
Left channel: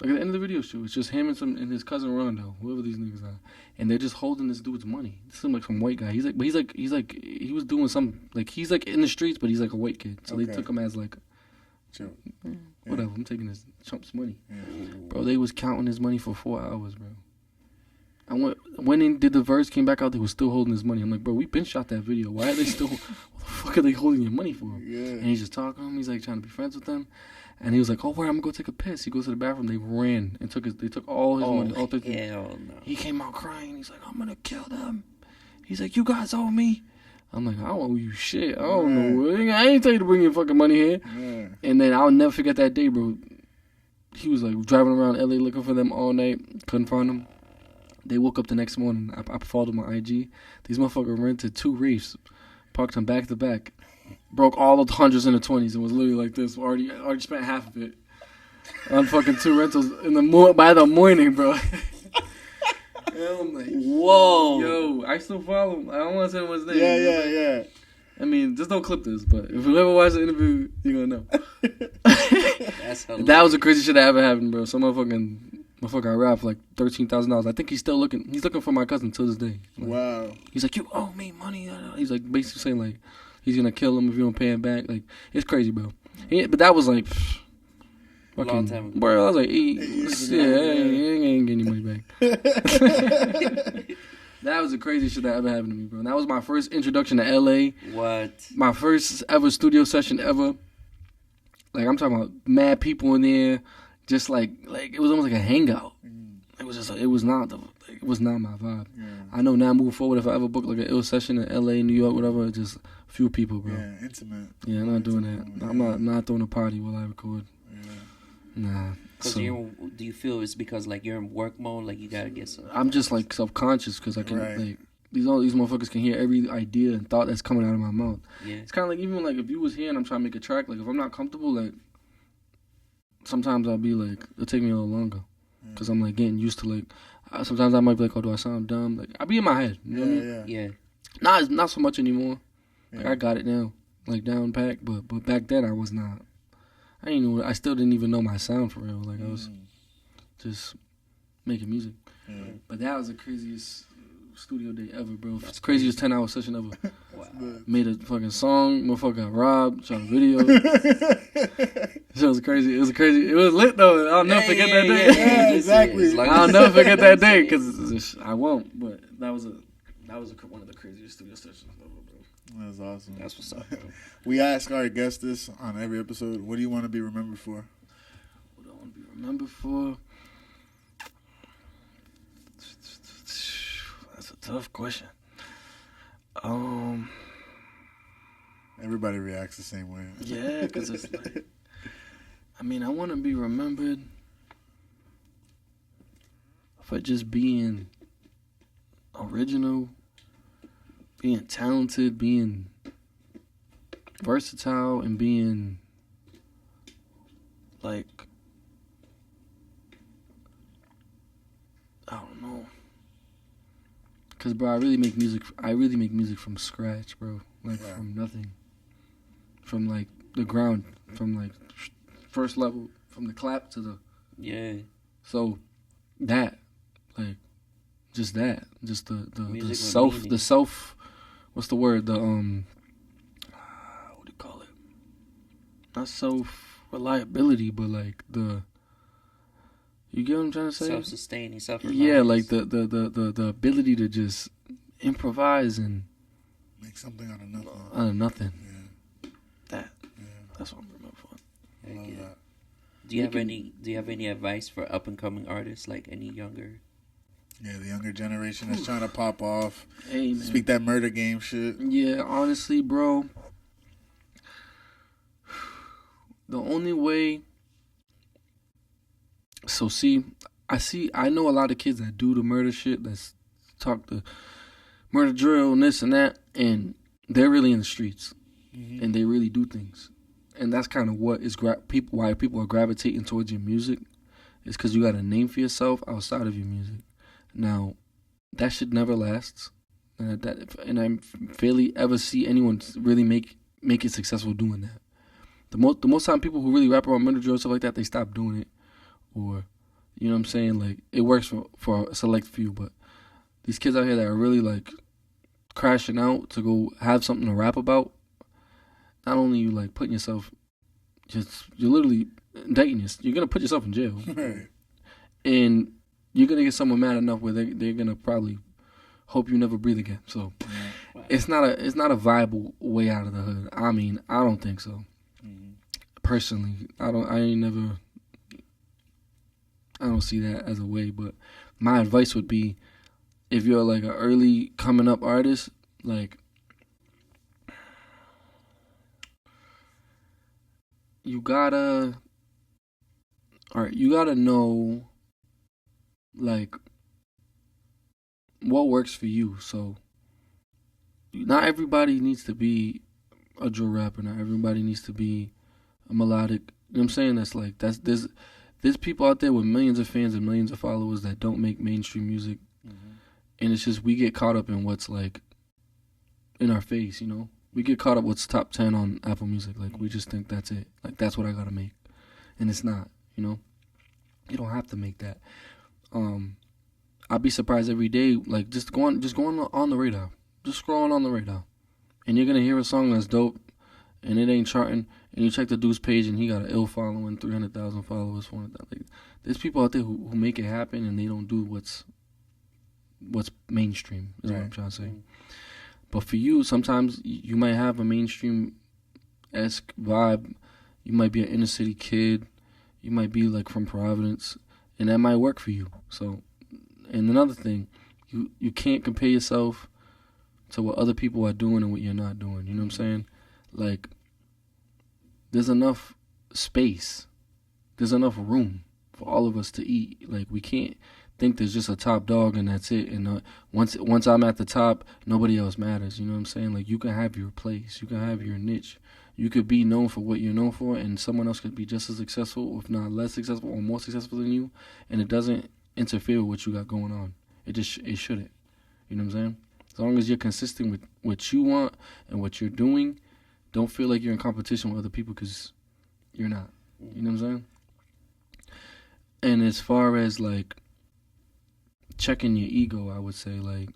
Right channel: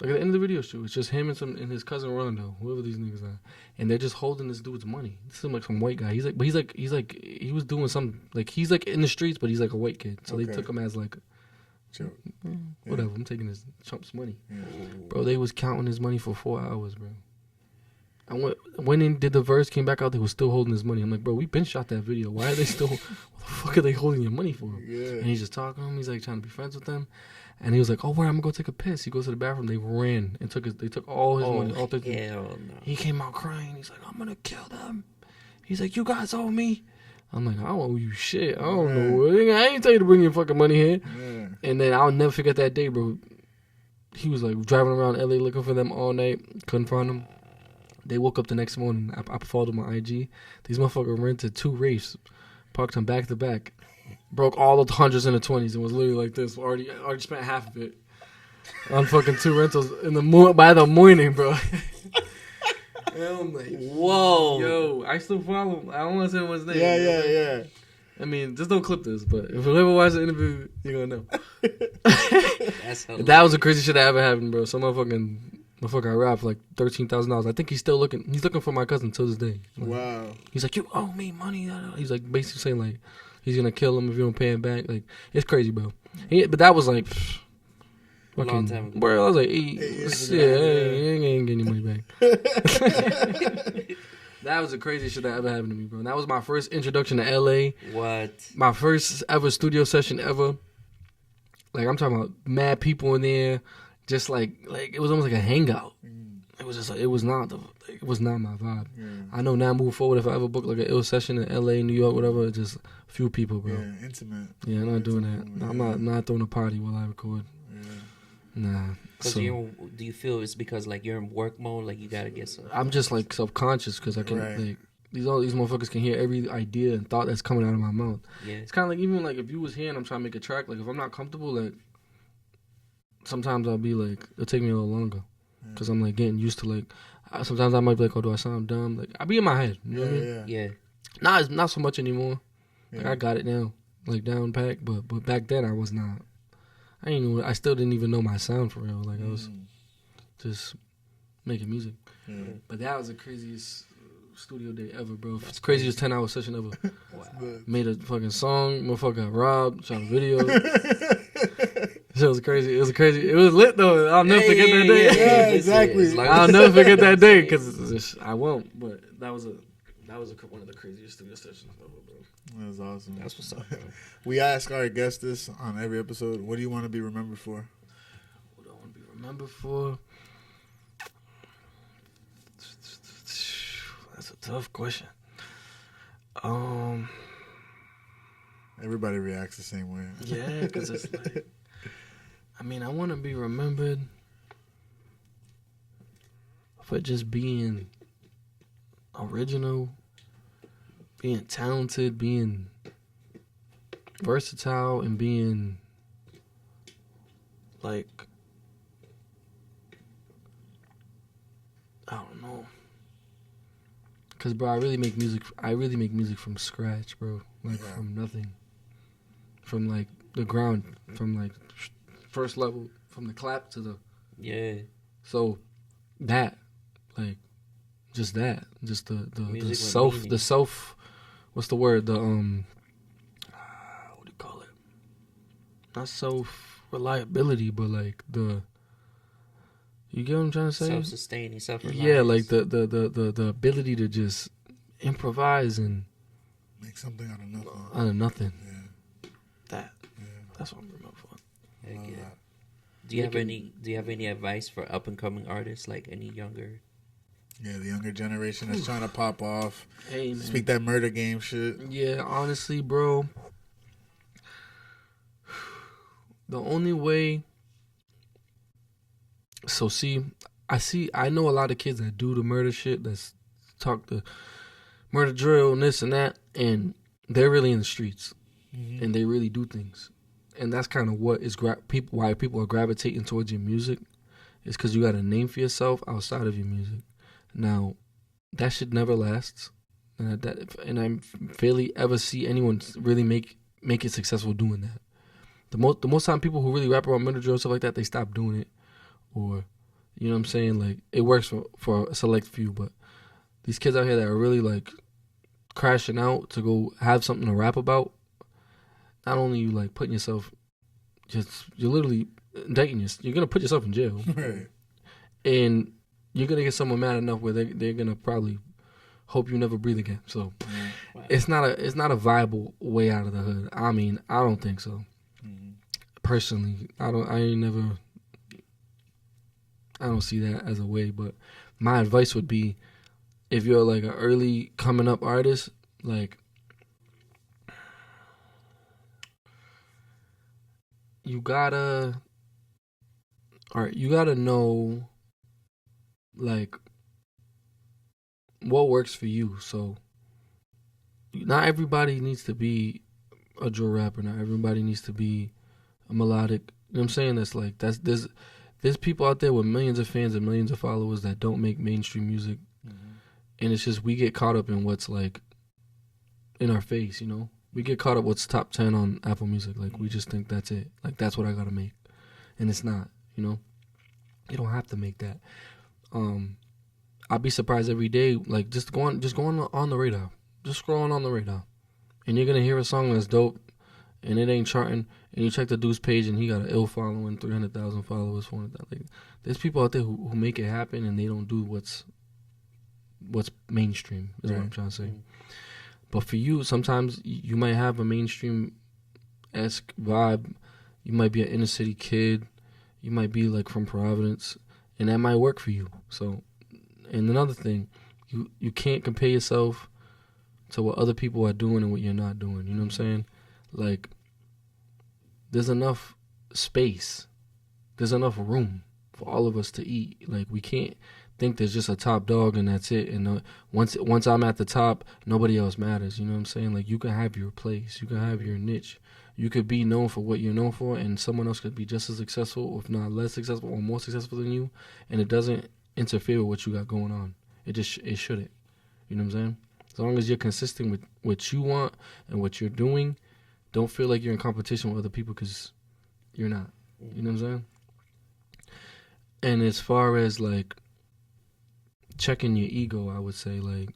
Like, at the end of the video shoot, it's just him and his cousin Rondo, whoever these niggas are, and they're just holding this dude's money. This is like some white guy. He was doing some, like, he's like in the streets, but he's like a white kid. So they took him as like, whatever. I'm taking his chump's money, bro. They was counting his money for 4 hours, bro. I went in, did the verse, came back out. They was still holding his money. I'm like, bro, we been shot that video. Why are they still? What the fuck are they holding your money for? Yeah. And he's just talking to him. He's like trying to be friends with them. And he was like, oh, where I'm gonna go take a piss. He goes to the bathroom. They ran and they took all his money. All 13. Hell no. He came out crying. He's like, I'm gonna kill them. He's like, you guys owe me. I'm like, I don't owe you shit. I don't know. I ain't tell you to bring your fucking money here. Yeah. And then I'll never forget that day, bro. He was like driving around LA looking for them all night. Couldn't find them. They woke up the next morning. I followed them on IG. These motherfuckers rented 2 Wraiths, parked them back to back, broke all the hundreds and the 20s, and was literally like this. Already spent half of it on fucking 2 rentals by the morning, bro. And I'm like, whoa, yo, I still follow him. I don't want to say what's his name. Yeah. I mean, just don't clip this, but if you ever watch the interview, you're gonna know. That's hilarious. That was the crazy shit that ever happened, bro. Some motherfucking Motherfucker got robbed for like $13,000. I think he's still looking. He's looking for my cousin till this day. Like, Wow. he's like, you owe me money. He's like basically saying like he's gonna kill him if you don't pay him back. Like it's crazy, bro. But that was like fucking Long time ago. bro. I was like, 8 years yeah, ago. I ain't getting any money back. That was the craziest shit that ever happened to me, bro. And that was my first introduction to LA. What? My first ever studio session ever. Like I'm talking about mad people in there, just like it was almost like a hangout. It was just like, it was not my vibe. Yeah. I know now moving forward, if I ever book like an ill session in LA, New York, whatever, just a few people, bro. Yeah, intimate. Yeah, I'm not doing that. Yeah. I'm not throwing a party while I record. Yeah. Nah. Cause So, do you feel it's because like you're in work mode, like you gotta get some? I'm just like subconscious because I can Right. like all these motherfuckers can hear every idea and thought that's coming out of my mouth. Yeah. It's kind of like even like if you was here and I'm trying to make a track, like if I'm not comfortable, like sometimes I'll be like it'll take me a little longer because I'm like getting used to like sometimes I might be like, oh, do I sound dumb? Like I be in my head, you know what I mean? Yeah. Not so much anymore. Like Yeah. I got it now, like down packed, but back then I was not. I still didn't even know my sound for real. Like I was just making music. Yeah. But that was the craziest studio day ever, bro. It's the craziest 10-hour session ever. Wow. Made a fucking song, motherfucker got robbed, shot a video. Shit was crazy. It was lit though. I'll never forget that day. Yeah, exactly. As long I'll as- never forget that day because I won't. But that was one of the craziest studio sessions ever, bro. That's awesome. That's what's up, bro. We ask our guests this on every episode. What do you want to be remembered for? What do I want to be remembered for? That's a tough question. Everybody reacts the same way. Yeah, because it's like, I mean, I want to be remembered for just being original, being talented, being versatile, and being like, I don't know. Cause bro, I really make music from scratch, bro. Like Yeah. from nothing, from like the ground, from like first level, from the clap to the. Yeah. So, that, like, just the Music with self, meaning. what's the word? The what do you call it? Not self reliability, but like you get what I'm trying to say? Self-sustaining, self-reliance. Yeah, like the ability to just improvise and Make something out of nothing. out of nothing. Yeah. That's what I'm remembered for. Heck Love yeah. that. Do you have any advice for up and coming artists, like any younger? Yeah, the younger generation that's trying to pop off. Hey man. Speak that murder game shit. Yeah, honestly, bro. The only way. So I know a lot of kids that do the murder shit. That's talk the murder drill and this and that, and they're really in the streets, and they really do things, and that's kind of what is why people are gravitating towards your music, is because you got a name for yourself outside of your music. Now, that shit never lasts, and I barely ever see anyone really make it successful doing that. The most time people who really rap about murder drill and stuff like that, they stop doing it, or you know what I'm saying, like it works for a select few, but these kids out here that are really like crashing out to go have something to rap about, not only you like putting yourself, you're literally indicting yourself. You're gonna put yourself in jail, Right. and you're gonna get someone mad enough where they're gonna probably hope you never breathe again. So Wow. it's not a viable way out of the hood. I mean, I don't think so. Personally, I don't see that as a way, but my advice would be, if you're like an early coming up artist, like you gotta know like what works for you. So not everybody needs to be a drill rapper. Not everybody needs to be a melodic. You know what I'm saying? There's people out there with millions of fans and millions of followers that don't make mainstream music. And it's just we get caught up in what's like in our face, you know? We get caught up what's top 10 on Apple Music. Like we just think that's it. Like that's what I gotta make. And it's not, you know? You don't have to make that. I'd be surprised every day, like just going on the radar, just scrolling on the radar, and you're gonna hear a song that's dope, and it ain't charting, and you check the dude's page and he got an ill following, 300,000 followers, 400,000. Like, there's people out there who make it happen and they don't do what's mainstream. Is what I'm trying to say. But for you, sometimes you might have a mainstream-esque vibe. You might be an inner city kid. You might be like from Providence, and that might work for you. So, and another thing, you can't compare yourself to what other people are doing and what you're not doing. You know what I'm saying? Like, there's enough space, there's enough room for all of us to eat. Like, we can't think there's just a top dog and that's it. And once I'm at the top, nobody else matters. You know what I'm saying? Like, you can have your place, you can have your niche. You could be known for what you're known for, and someone else could be just as successful, if not less successful, or more successful than you, and it doesn't interfere with what you got going on. It shouldn't. You know what I'm saying? As long as you're consistent with what you want and what you're doing, don't feel like you're in competition with other people, because you're not. You know what I'm saying? And as far as, like, checking your ego, I would say, like,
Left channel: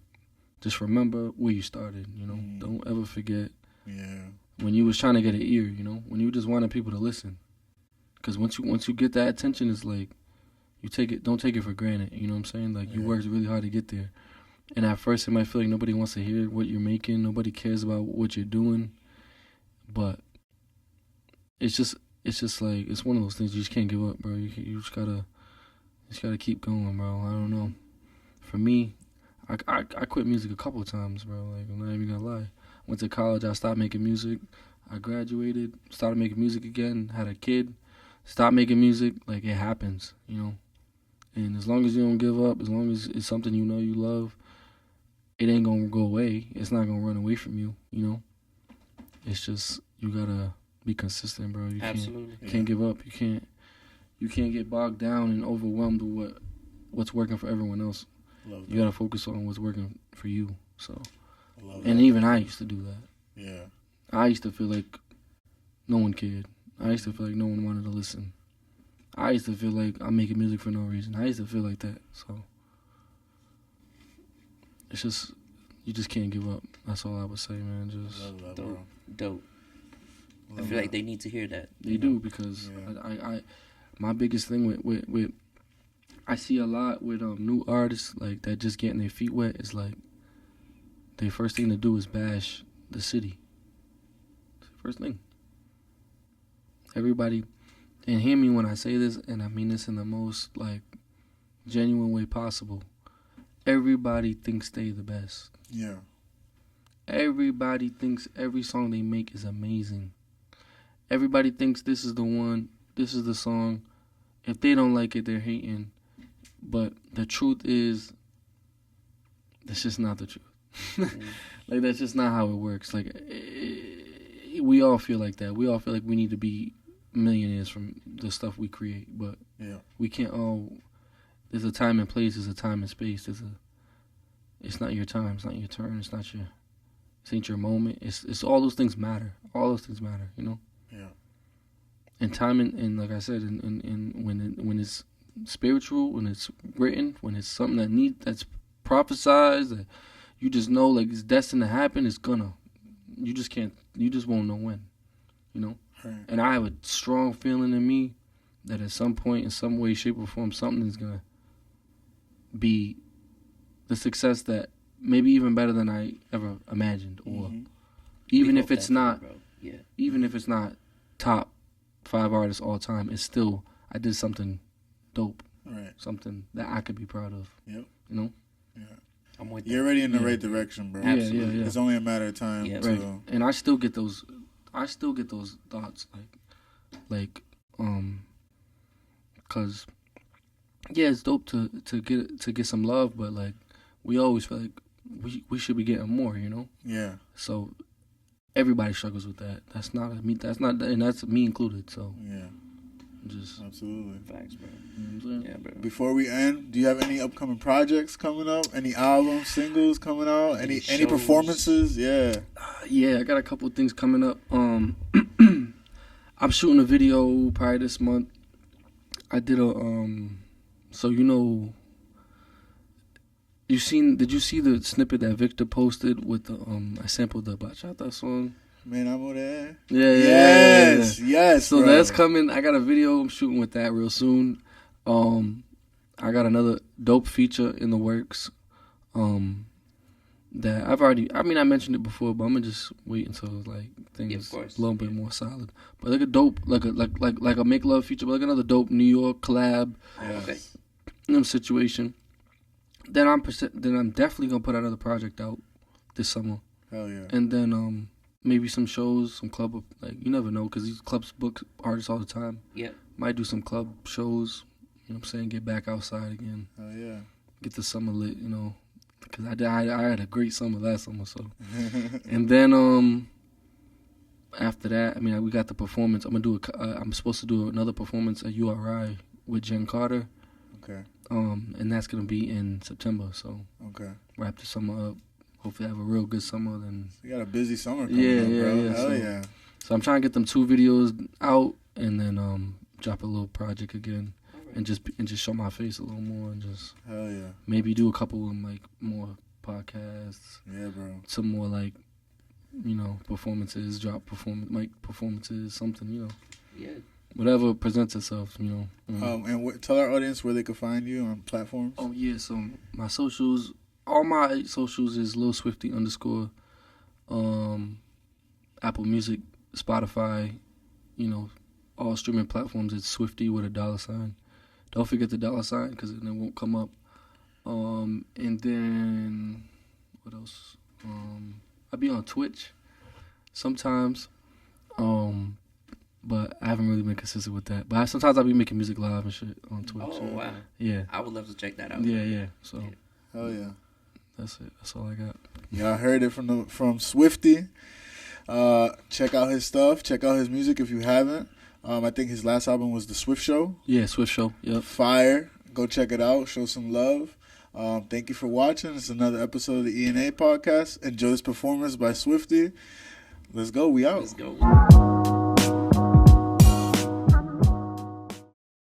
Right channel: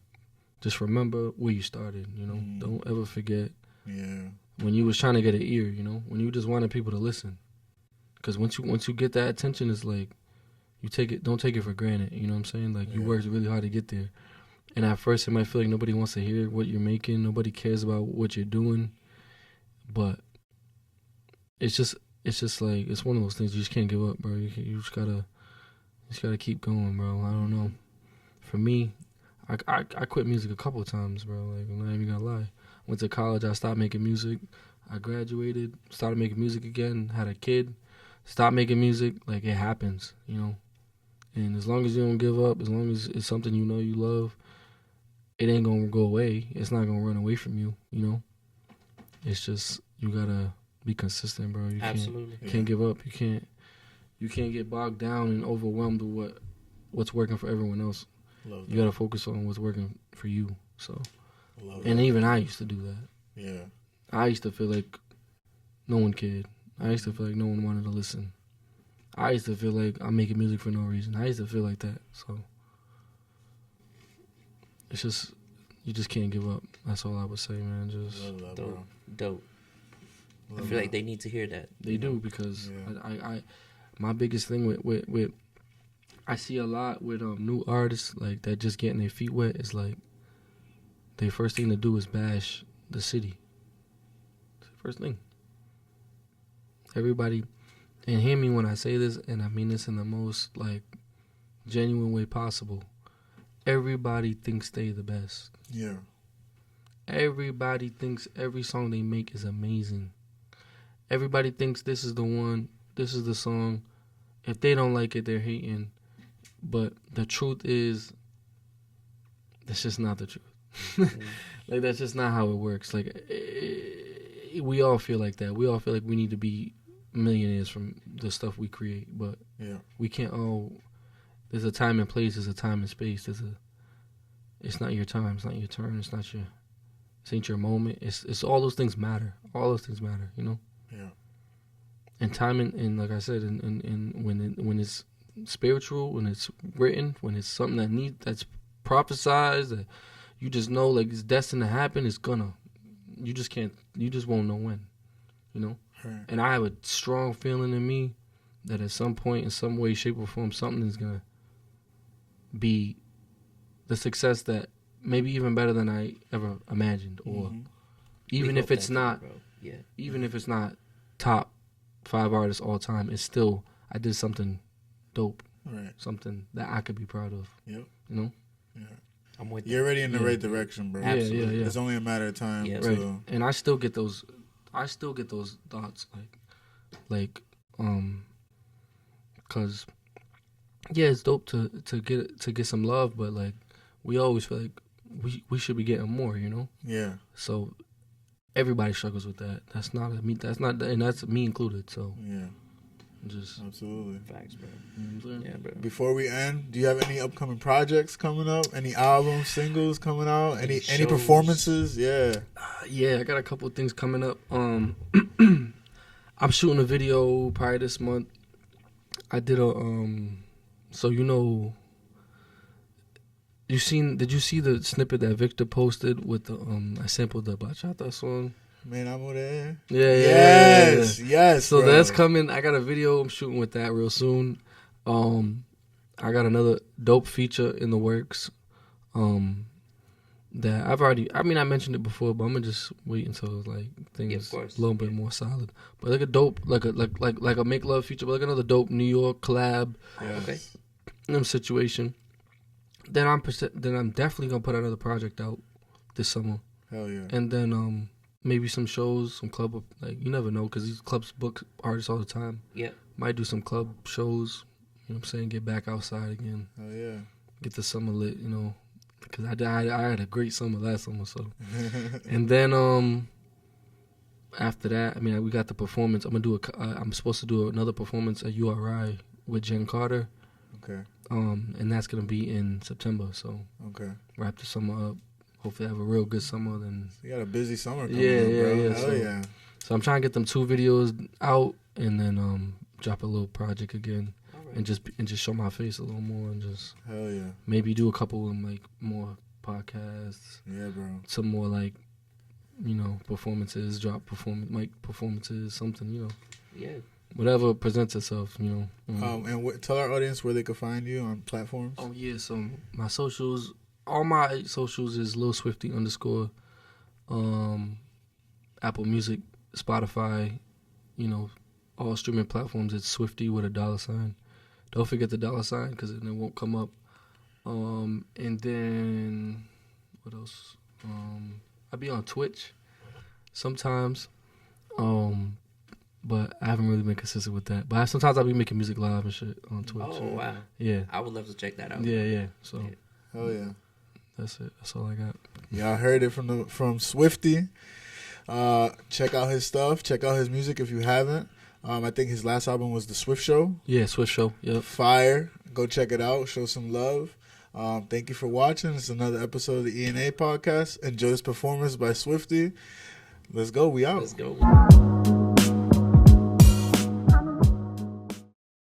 just remember where you started, you know? Don't ever forget. Yeah. When you was trying to get an ear, you know, when you just wanted people to listen, because once you get that attention, it's like don't take it for granted. You know what I'm saying? Like, you worked really hard to get there, and at first it might feel like nobody wants to hear what you're making, nobody cares about what you're doing, but it's just like, it's one of those things you just can't give up, bro. You just gotta keep going, bro. I don't know. For me, I quit music a couple of times, bro. Like, I'm not even gonna lie. Went to college, I stopped making music. I graduated, started making music again, had a kid, stopped making music. Like, it happens, you know. And as long as you don't give up, as long as it's something you know you love, it ain't gonna go away. It's not gonna run away from you, you know. It's just, you gotta be consistent, bro. Absolutely. Can't give up. You can't get bogged down and overwhelmed with what's working for everyone else. Love that. You gotta focus on what's working for you. So. Love And that. even I used to do that. Yeah. I used to feel like no one cared. I used to feel like no one wanted to listen. I used to feel like I'm making music for no reason. I used to feel like that. So it's just, you just can't give up. That's all I would say, man. Just Love that, Dope. bro. Dope. I Love feel like that. they need to hear that. they do, because I my biggest thing with I see a lot with new artists, like, that just getting their feet wet, is like, their first thing to do is bash the city. It's the first thing. Everybody, and hear me when I say this, and I mean this in the most, like, genuine way possible. Everybody thinks they the best. Yeah. Everybody thinks every song they make is amazing. Everybody thinks this is the one, this is the song. If they don't like it, they're hating. But the truth is, that's just not the truth. Like, that's just not how it works. Like, we all feel like that. We all feel like we need to be millionaires from the stuff we create, but we can't all. There's a time and place. There's a time and space. It's not your time. It's not your turn. It's not your. This ain't your moment. It's all those things matter. All those things matter. You know. Yeah. And time and like I said, and when it's spiritual, when it's written, when it's something that's prophesized, that you just know, like, it's destined to happen, it's gonna. You just won't know when, you know? Right. And I have a strong feeling in me that at some point, in some way, shape, or form, something is gonna be the success that maybe even better than I ever imagined, or even if it's not, even if it's not top 5 artists all time, it's still, I did something dope, Right. something that I could be proud of. Yep. You know? Yeah. I'm with You're already in the right direction, bro. Absolutely. Yeah. It's only a matter of time. Yeah. Right. To, And I still get those thoughts, cause yeah, it's dope to get some love, but, like, we always feel like we should be getting more, you know? Yeah. So everybody struggles with that. That's not, and that's me included. So Yeah. just Absolutely. Facts, bro. you know what I'm saying? Yeah, bro. Before we end, do you have any upcoming projects coming up? Any albums, singles coming out? Any shows? performances? Yeah. Yeah, I got a couple of things coming up. I'm shooting a video probably this month. I did a so you know, did you see the snippet that Victor posted with the I sampled the Bachata song? Man, I'm there. Yeah. Yes. So bro. that's coming. I got a video I'm shooting with that real soon. I got another dope feature in the works. That I've already. I mean, I mentioned it before, but I'm gonna just wait until like things a little bit more solid. But like a dope, like a make love feature, but like another dope New York collab. Yeah. Okay. Situation. Then I'm definitely gonna put another project out this summer. Hell yeah. And then maybe some shows, some club, like you never know, because these clubs book artists all the time. Yeah. Might do some club shows. You know what I'm saying? Get back outside again. Hell yeah. Get the summer lit. You know. Because I had a great summer last summer, so. And then after that, I mean, we got the performance. I'm supposed to do another performance at URI with Jen Carter. Okay. And that's gonna be in September. So. Okay. Wrap the summer up. Hopefully, have a real good summer. Then. You got a busy summer coming up, bro. Yeah. Hell yeah. So I'm trying to get them 2 videos out and then drop a little project again. And just show my face a little more and just hell yeah. Maybe do a couple of like more podcasts. Yeah, bro. Some more like, you know, performances, mic performances, something, you know. Yeah. Whatever presents itself, you know. And tell our audience where they can find you on platforms. Oh yeah, so my socials, all my socials is Lil Swifty _ Apple Music, Spotify, you know, all streaming platforms. It's Swifty with a $. Don't forget the $, because then it won't come up. And then, what else? I be on Twitch sometimes, but I haven't really been consistent with that. But sometimes I'll be making music live and shit on Twitch. Oh, wow. Yeah. I would love to check that out. Yeah. So, hell yeah. That's it. That's all I got. Y'all heard it from Swifty. Check out his stuff. Check out his music if you haven't. I think his last album was The Swift Show. Yeah, Swift Show. Yep. Fire. Go check it out. Show some love. Thank you for watching. It's another episode of the ENA podcast. Enjoy this performance by Swifty. Let's go. We out. Let's go.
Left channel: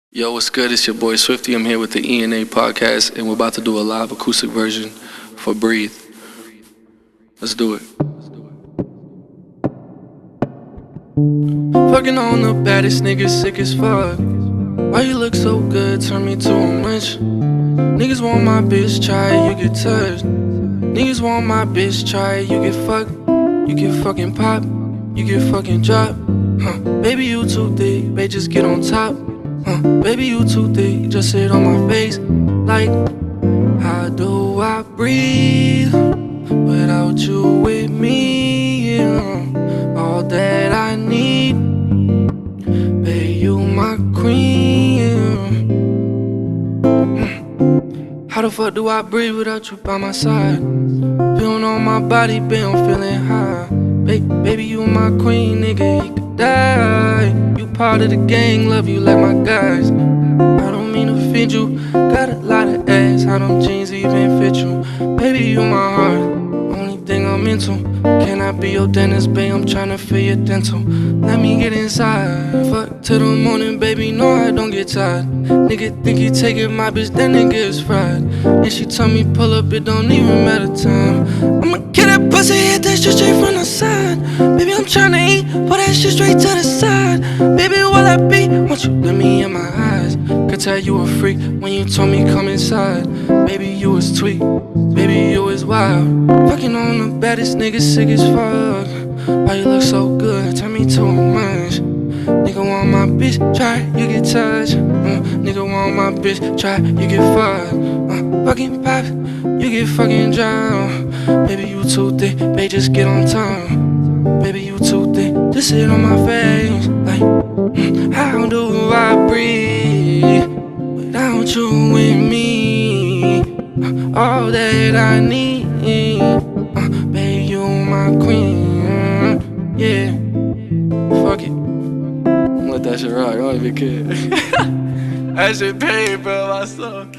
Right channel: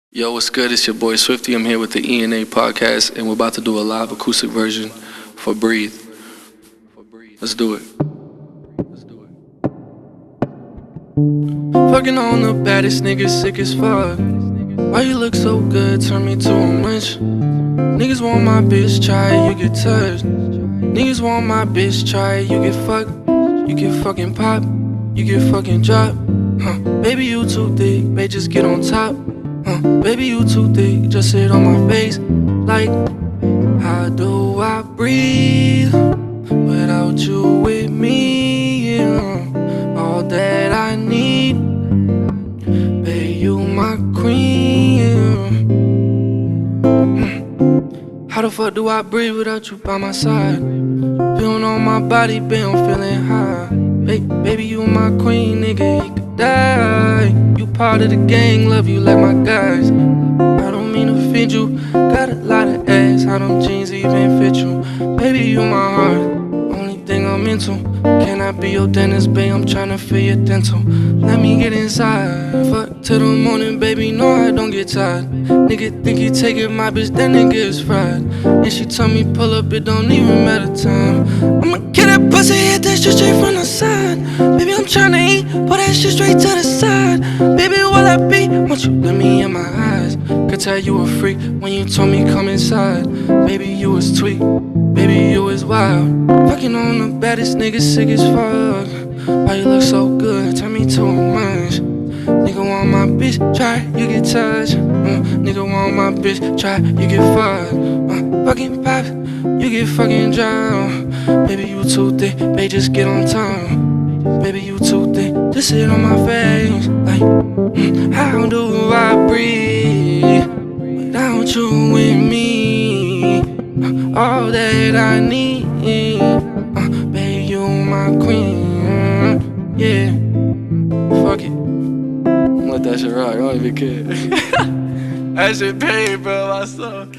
Yo, what's good? It's your boy Swifty. I'm here with the ENA podcast, and we're about to do a live acoustic version for Breathe. Let's do it. Fucking on the baddest niggas, sick as fuck. Why you look so good, turn me to a munch. Niggas want my bitch, try, you get touched. Niggas want my bitch, try, you get fucked. You get fucking pop, you get fucking drop. Baby, you too thick, babe, just get on top. Baby, you too thick, just sit on my face. Like, how do I breathe without you with me? Yeah. All that I need, babe, you my queen. How the fuck do I breathe without you by my side? Feeling on my body, babe, I'm feeling high. Baby, you my queen, nigga, you could die. You part of the gang, love you like my guys. I don't mean to offend you, got a lot of ass, how them jeans even fit you. Baby, you my heart, only thing I'm into. Can I be your dentist, babe? I'm tryna feel your dental. Let me get inside. Fuck till the morning, baby. No, I don't get tired. Nigga think he taking my bitch, that nigga is fried. And she told me pull up, it don't even matter time. I'ma get that pussy, hit that shit straight from the side. Baby, I'm tryna eat, put that shit straight to the side. Baby, will I be? Won't you look me in my eyes? Could tell you a freak when you told me come inside. Baby, you was tweak. Baby, you was wild. Fucking on the baddest niggas, sick as fuck. Why you look so good? Turn me to a munch. Nigga want my bitch, try, you get touched. Nigga want my bitch, try, you get fucked. Fucking pop, you get fucking drowned. Baby, you too thick, babe, just get on time. Baby, you too thick, just sit on my face. Like, how do I breathe without you with me? All that I need, babe, you my queen. Yeah, fuck it. Let that shit rock, I don't even care. That shit paid, bro, my son.